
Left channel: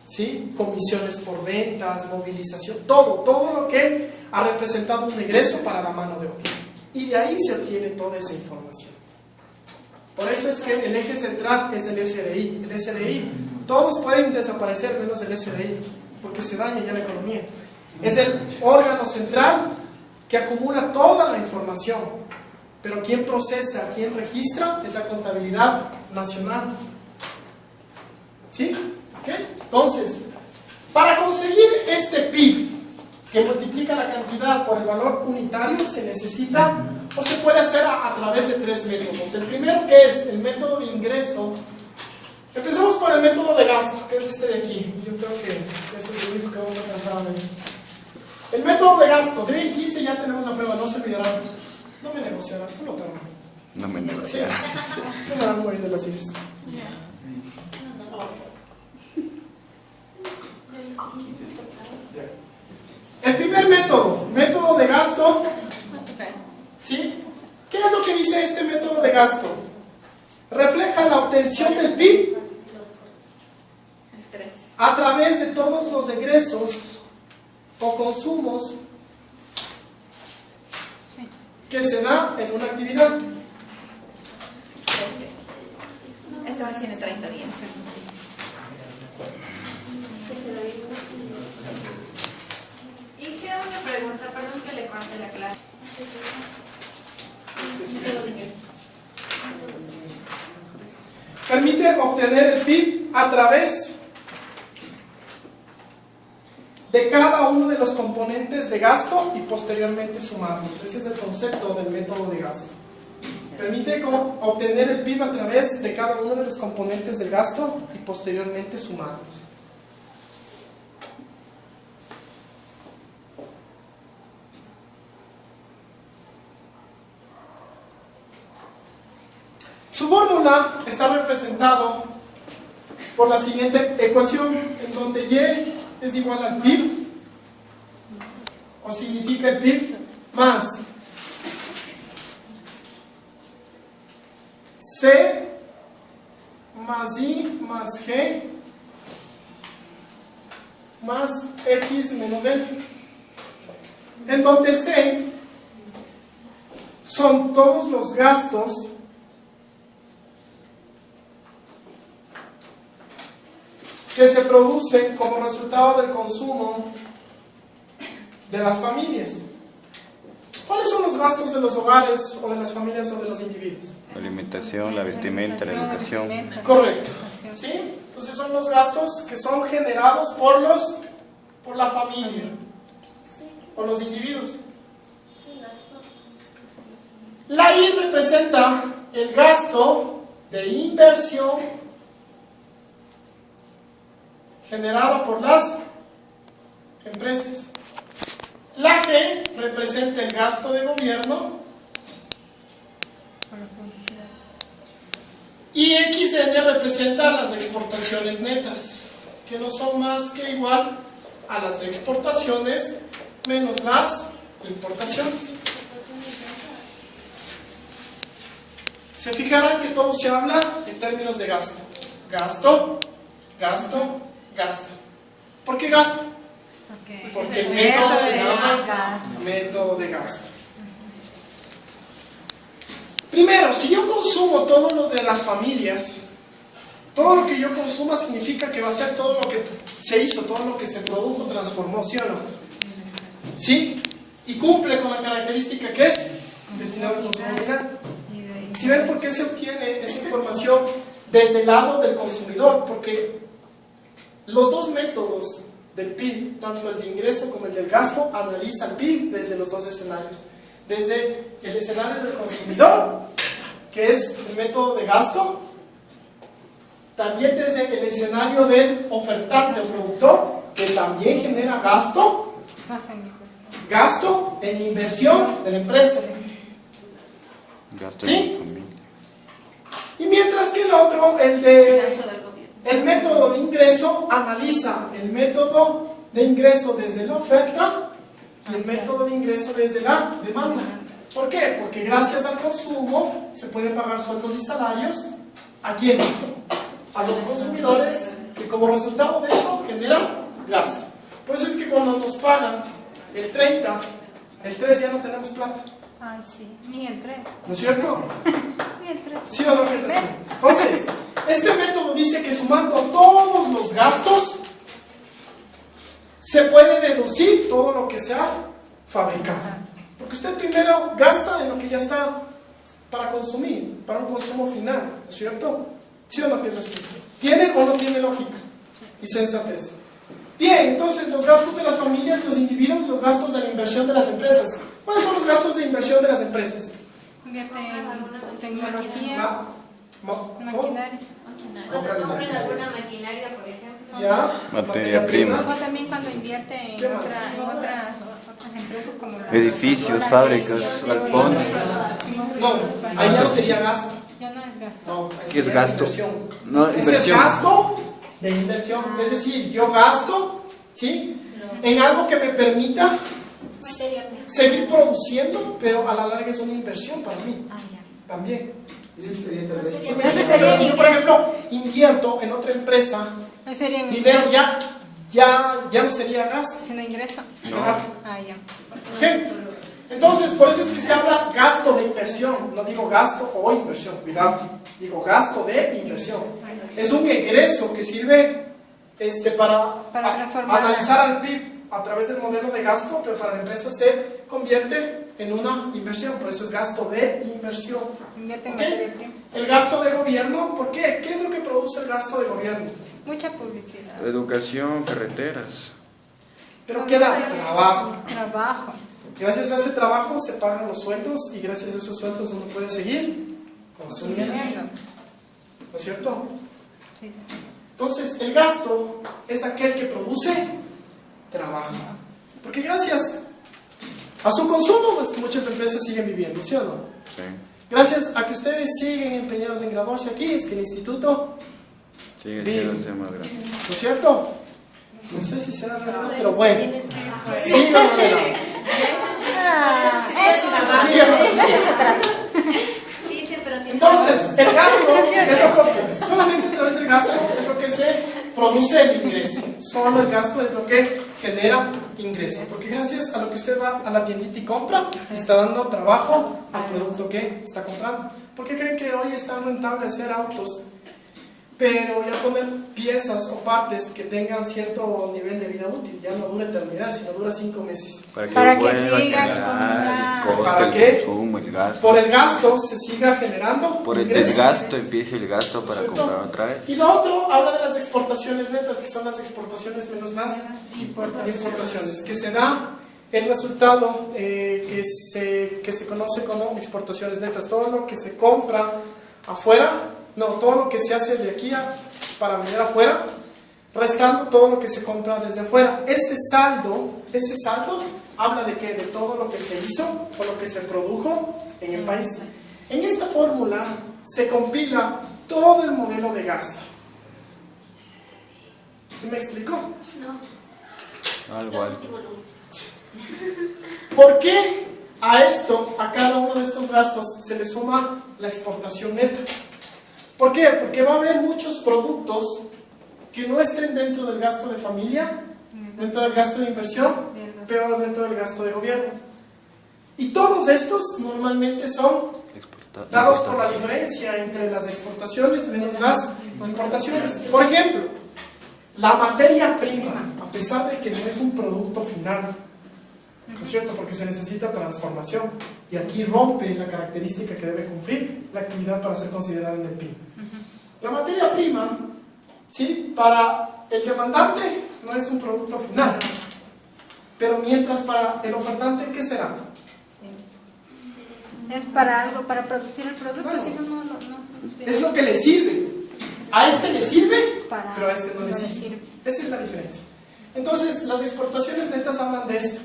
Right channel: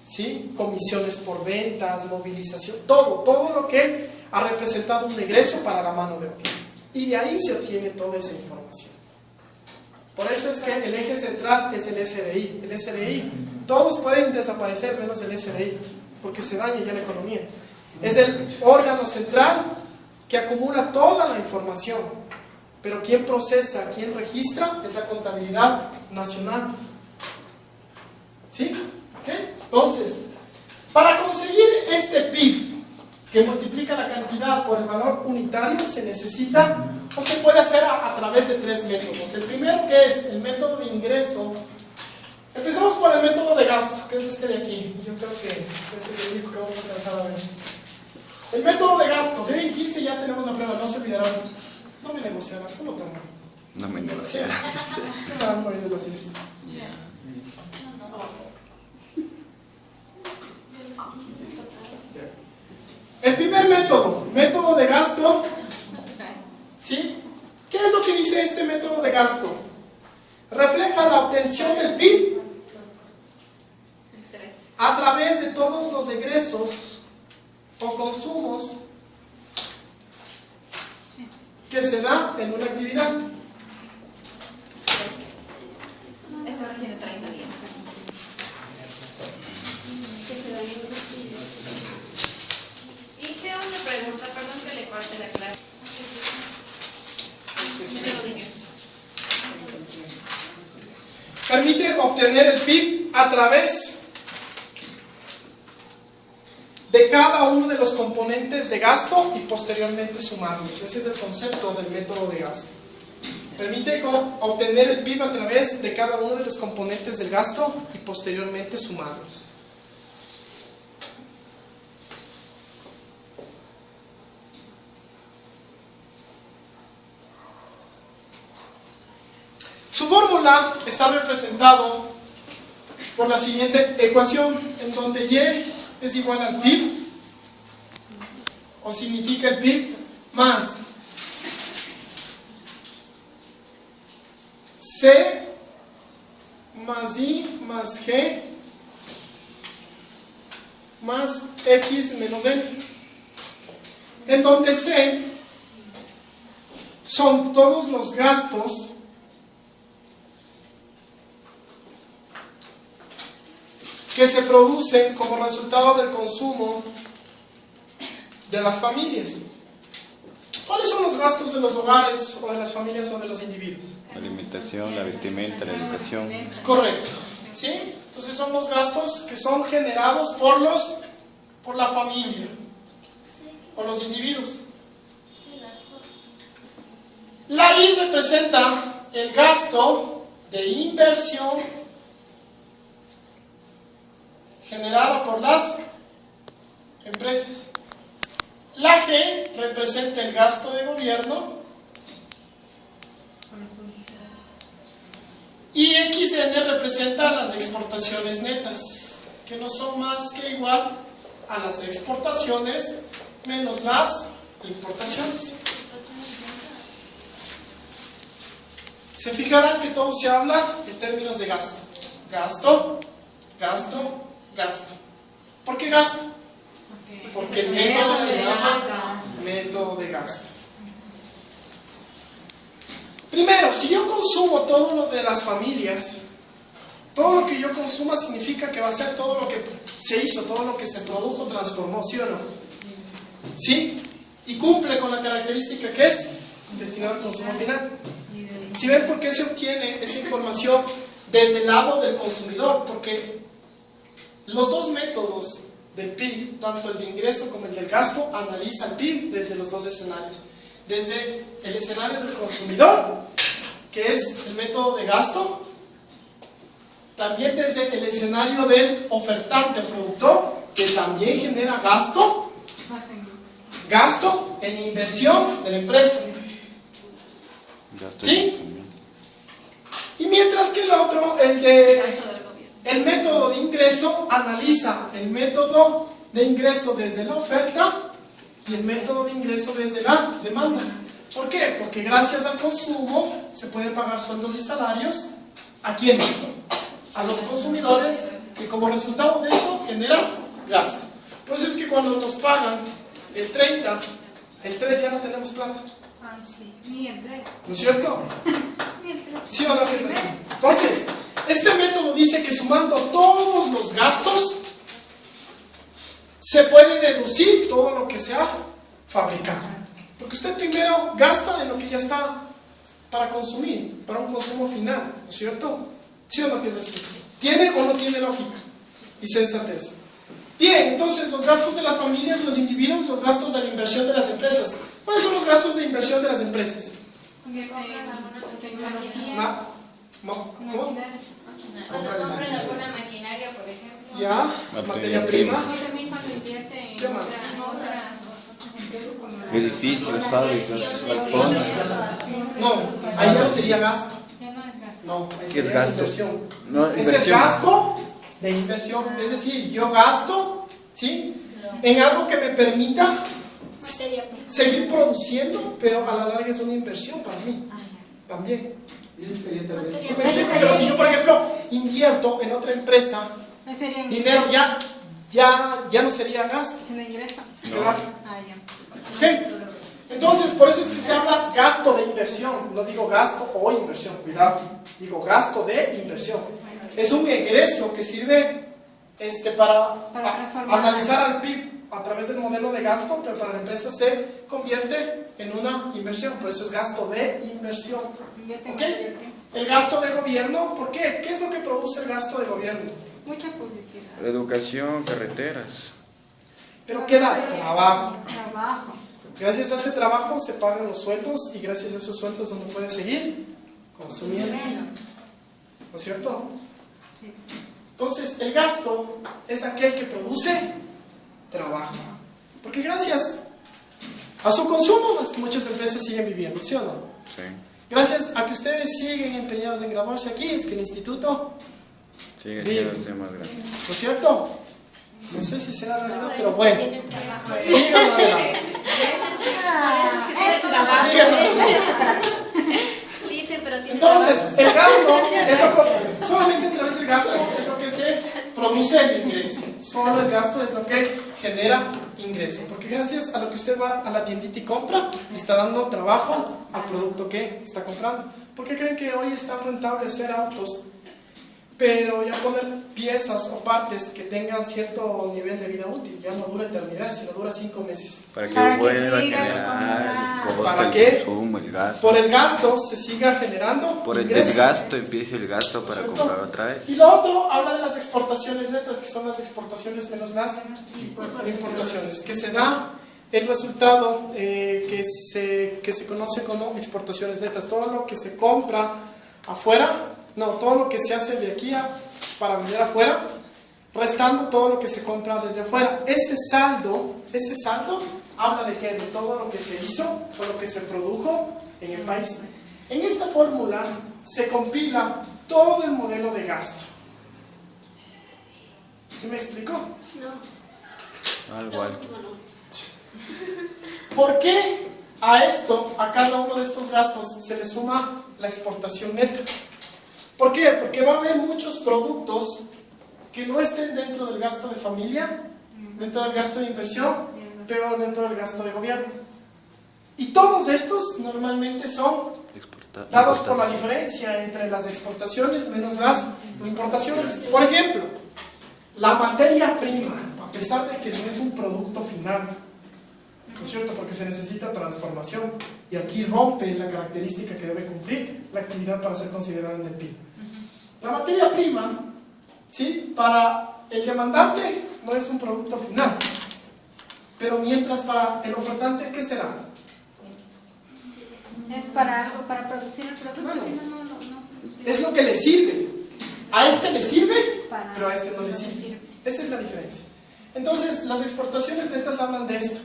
¿sí? Comisiones por ventas, movilización, todo lo que ha representado un egreso para la mano de obra. Y de ahí se obtiene toda esa información. Por eso es que el eje central es el SDI. El SDI, todos pueden desaparecer menos el SDI, porque se daña ya la economía. Es el órgano central que acumula toda la información, pero quien procesa, quien registra es la contabilidad nacional. ¿Sí? ¿Okay? Entonces, para conseguir este PIB que multiplica la cantidad por el valor unitario, se necesita, o se puede hacer a través de tres métodos. El primero, que es el método de ingreso. Empezamos por el método de gasto, que es este de aquí. Yo creo que ese es el único que vamos a alcanzar a ver. El método de gasto, de hoy 15 ya tenemos la prueba, no se olvidarán. No me negociarán, ¿cómo te van? Sí, no me van a morir de pacientes. El primer método, método de gasto, ¿sí? ¿Qué es lo que dice este método de gasto? Refleja la obtención del PIB a través de todos los egresos o consumos que se dan en una actividad. tiene 30 días. Y qué otra pregunta, perdón que le corte la clase. Permite obtener el PIB a través de cada uno de los componentes de gasto y posteriormente sumarlos. Ese es el concepto del método de gasto. Permite obtener el PIB a través de cada uno de los componentes del gasto y posteriormente sumarlos. Su fórmula está representado por la siguiente ecuación, en donde Y es igual al PIB, o significa el PIB más C más I más G más X menos N, en donde C son todos los gastos que se producen como resultado del consumo de las familias. ¿Cuáles son los gastos de los hogares o de las familias o de los individuos? La alimentación, la vestimenta, la alimentación. Correcto. ¿Sí? Entonces son los gastos que son generados por la familia o los individuos. La I representa el gasto de inversión generada por las empresas. La G representa el gasto de gobierno y XN representa las exportaciones netas, que no son más que igual a las exportaciones menos las importaciones. Se fijarán que todo se habla en términos de gasto. Gasto, gasto, gasto. ¿Por qué gasto? Porque el método se llama método de gasto. Primero, si yo consumo todo lo de las familias, todo lo que yo consuma significa que va a ser todo lo que se hizo, todo lo que se produjo, transformó, ¿sí o no? ¿Sí? Y cumple con la característica que es destinado al consumo final. Si ven por qué se obtiene esa información desde el lado del consumidor, porque los dos métodos del PIB, tanto el de ingreso como el del gasto, analiza el PIB desde los dos escenarios. Desde el escenario del consumidor, que es el método de gasto, también desde el escenario del ofertante o productor, que también genera gasto en inversión de la empresa. ¿Sí? Y mientras que el otro, el método de ingreso, analiza el método de ingreso desde la oferta y el método de ingreso desde la demanda. ¿Por qué? Porque gracias al consumo se pueden pagar sueldos y salarios. ¿A quiénes? A los consumidores, que como resultado de eso generan gasto. Por eso es que cuando nos pagan el 30, el 3 ya no tenemos plata. Ay, sí, ni el 3. ¿No es cierto? Ni el 3. ¿Sí o no que es así? Entonces, este método dice que sumando todos los gastos se puede deducir todo lo que se ha fabricado. Porque usted primero gasta en lo que ya está para consumir, para un consumo final, ¿no es cierto? ¿Sí o no que es así? ¿Tiene o no tiene lógica y sensatez? Bien, entonces los gastos de las familias, los individuos, los gastos de la inversión de las empresas. ¿Cuáles son los gastos de inversión de las empresas? Invierte en tecnología, ¿Cómo? maquinarias. Cuando compran alguna maquinaria, por ejemplo. ¿Ya? Materia prima. O también cuando invierte en ¿Qué más? otras empresas como la... Edificios, fábricas, No, ahí ya no sería gasto. Ya no es gasto. No, ahí ¿Qué es sería gasto? inversión. No, Este es inversión. gasto de inversión. Es decir, yo gasto, ¿sí? En algo que me permita seguir produciendo, pero a la larga es una inversión para mí. También. Eso sería tal vez. Ese sería Pero si yo, por ejemplo, invierto en otra empresa, No sería dinero ya no sería gasto. sino ingreso. Claro. Ah, ya. ¿Ok? Entonces, por eso es que se habla gasto de inversión. No digo gasto o inversión, cuidado. Digo gasto de inversión. un egreso que sirve para reformar. analizar al PIB a través del modelo de gasto, pero para la empresa se convierte en una inversión, por eso es gasto de inversión. Invierte en ¿Ok? materia prima. El gasto de gobierno, ¿por qué? ¿Qué es lo que produce el gasto de gobierno? Mucha publicidad. Educación, carreteras. Pero queda abajo. Trabajo. Gracias a ese trabajo se pagan los sueldos y gracias a esos sueldos uno puede seguir consumiendo. Viviendo. ¿No es cierto? Sí. Entonces, el gasto es aquel que produce trabajo. Porque gracias a su consumo es que muchas empresas siguen viviendo, ¿sí o no? Gracias a que ustedes siguen empeñados en graduarse aquí, es que el instituto vive. ¿No es cierto? No sé si será realidad, pero bueno. Sigan adelante. Eso se trata. Dice, pero tiene Entonces, el gasto es lo que, solamente a través del gasto es lo que se produce el ingreso. Solo el gasto es lo que genera ingreso. Porque gracias a lo que usted va a la tiendita y compra, está dando trabajo al producto que está comprando. ¿Por qué creen que hoy es tan rentable hacer autos? Pero ya poner piezas o partes que tengan cierto nivel de vida útil, ya no dura eternidad, sino dura 5 meses. Para que sigan comprando. ¿Para qué? Por el gasto se siga generando Por el ingresos. gasto empieza el gasto para ¿Cierto? comprar otra vez. Y lo otro habla de las exportaciones netas, que son las exportaciones menos las importaciones, que se da el resultado que se conoce como exportaciones netas. Todo lo que se compra afuera, no, todo lo que se hace de aquí para vender afuera, restando todo lo que se compra desde afuera. Ese saldo habla de qué? De todo lo que se hizo o lo que se produjo en el país. En esta fórmula se compila todo el modelo de gasto. ¿Sí me explicó? No. Lo último, lo último. ¿Por qué a esto, a cada uno de estos gastos, se le suma la exportación neta? ¿Por qué? Porque va a haber muchos productos que no estén dentro del gasto de familia, dentro del gasto de inversión, pero dentro del gasto de gobierno. Y todos estos normalmente son dados por la diferencia entre las exportaciones menos las importaciones. Por ejemplo, la materia prima, a pesar de que no es un producto final, ¿no es cierto? Porque se necesita transformación. Y aquí rompe es la característica que debe cumplir la actividad para ser considerada en el PIB. La materia prima, ¿sí? Para el demandante no es un producto final. Pero mientras para el ofertante, ¿qué será? Es para algo, para producir el producto, si no, no. Es lo que le sirve. A este le sirve, Para- pero a este no le no le sirve. sirve. Esa es la diferencia. Entonces, las exportaciones netas hablan de esto.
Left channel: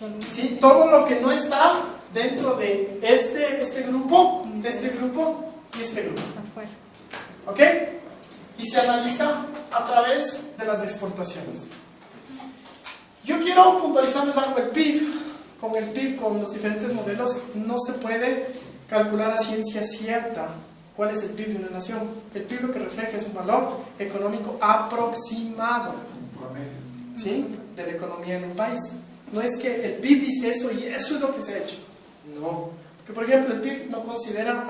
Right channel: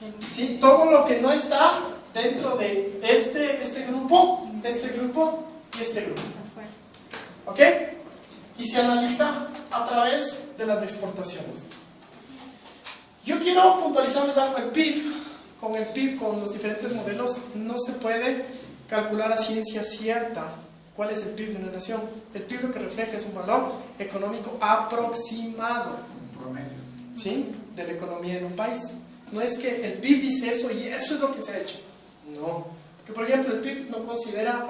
Que no- ¿Sí? Todo lo que no está dentro de este grupo y este grupo. afuera. ¿Ok? Y se analiza a través de las exportaciones. Yo quiero puntualizarles algo. El PIB, con los diferentes modelos, no se puede calcular a ciencia cierta cuál es el PIB de una nación. El PIB lo que refleja es un valor económico aproximado, ¿sí? De la economía en un país. No es que el PIB dice eso y eso es lo que se ha hecho. No. Que por ejemplo el PIB no considera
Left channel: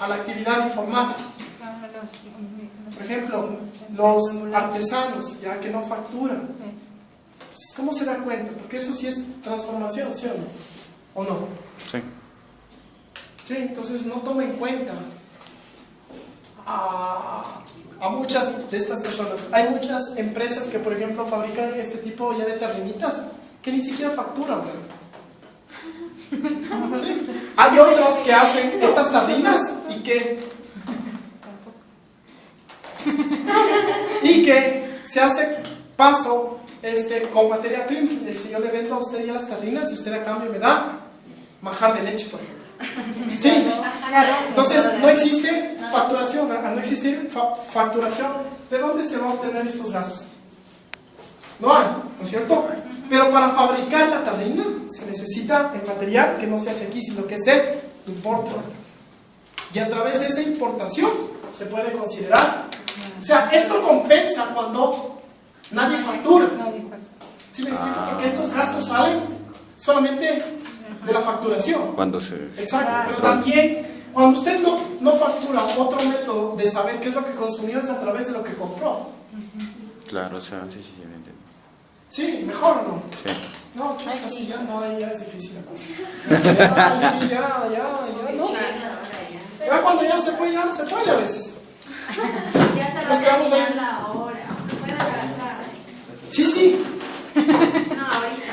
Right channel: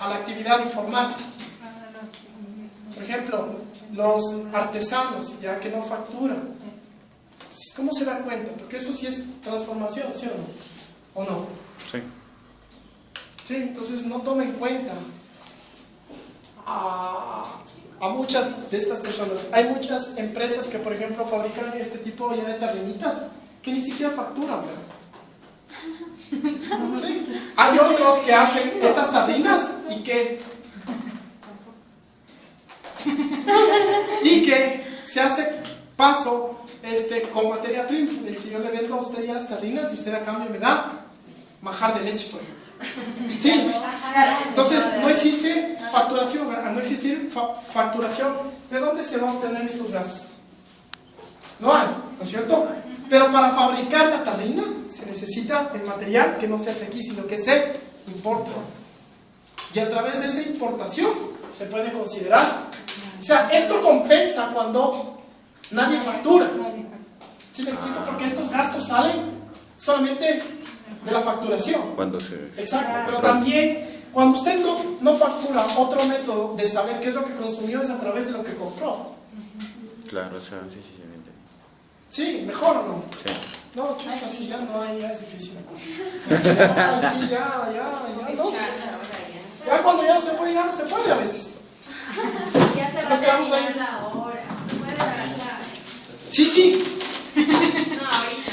a la actividad informal. Por ejemplo, los artesanos, ya que no facturan. Entonces, ¿cómo se da cuenta? Porque eso sí es transformación, ¿sí o no? ¿O no? Sí. Sí, entonces no toma en cuenta a muchas de estas personas. Hay muchas empresas que, por ejemplo, fabrican este tipo ya de tarrinitas que ni siquiera facturan, ¿verdad? Sí. Hay otros que hacen estas tarrinas y que se hace paso con materia prima. Si yo le vendo a usted ya las tarrinas y usted a cambio me da manjar de leche, por ejemplo. Sí. Entonces no existe facturación. Al no existir facturación, ¿de dónde se van a obtener estos gastos? No hay, ¿no es cierto? Pero para fabricar la tarrina se necesita el material que no se hace aquí, sino que se importa. Y a través de esa importación se puede considerar. O sea, esto compensa cuando nadie factura. ¿Sí me explico? Porque estos gastos salen solamente de la facturación. Cuando se... Exacto, pero también cuando usted no factura, otro método de saber qué es lo que consumió es a través de lo que compró. Claro, o sea, sí, sí, me entendí. Sí, mejor no. Sí. No, chuta, Ay, sí. sí, ya no hay, ya es difícil la cosa. Ya, sí, ya, no. Ya cuando ya no se puede a veces. Ya se Nos quedamos ahí. la hora. Puede avanzar. Sí,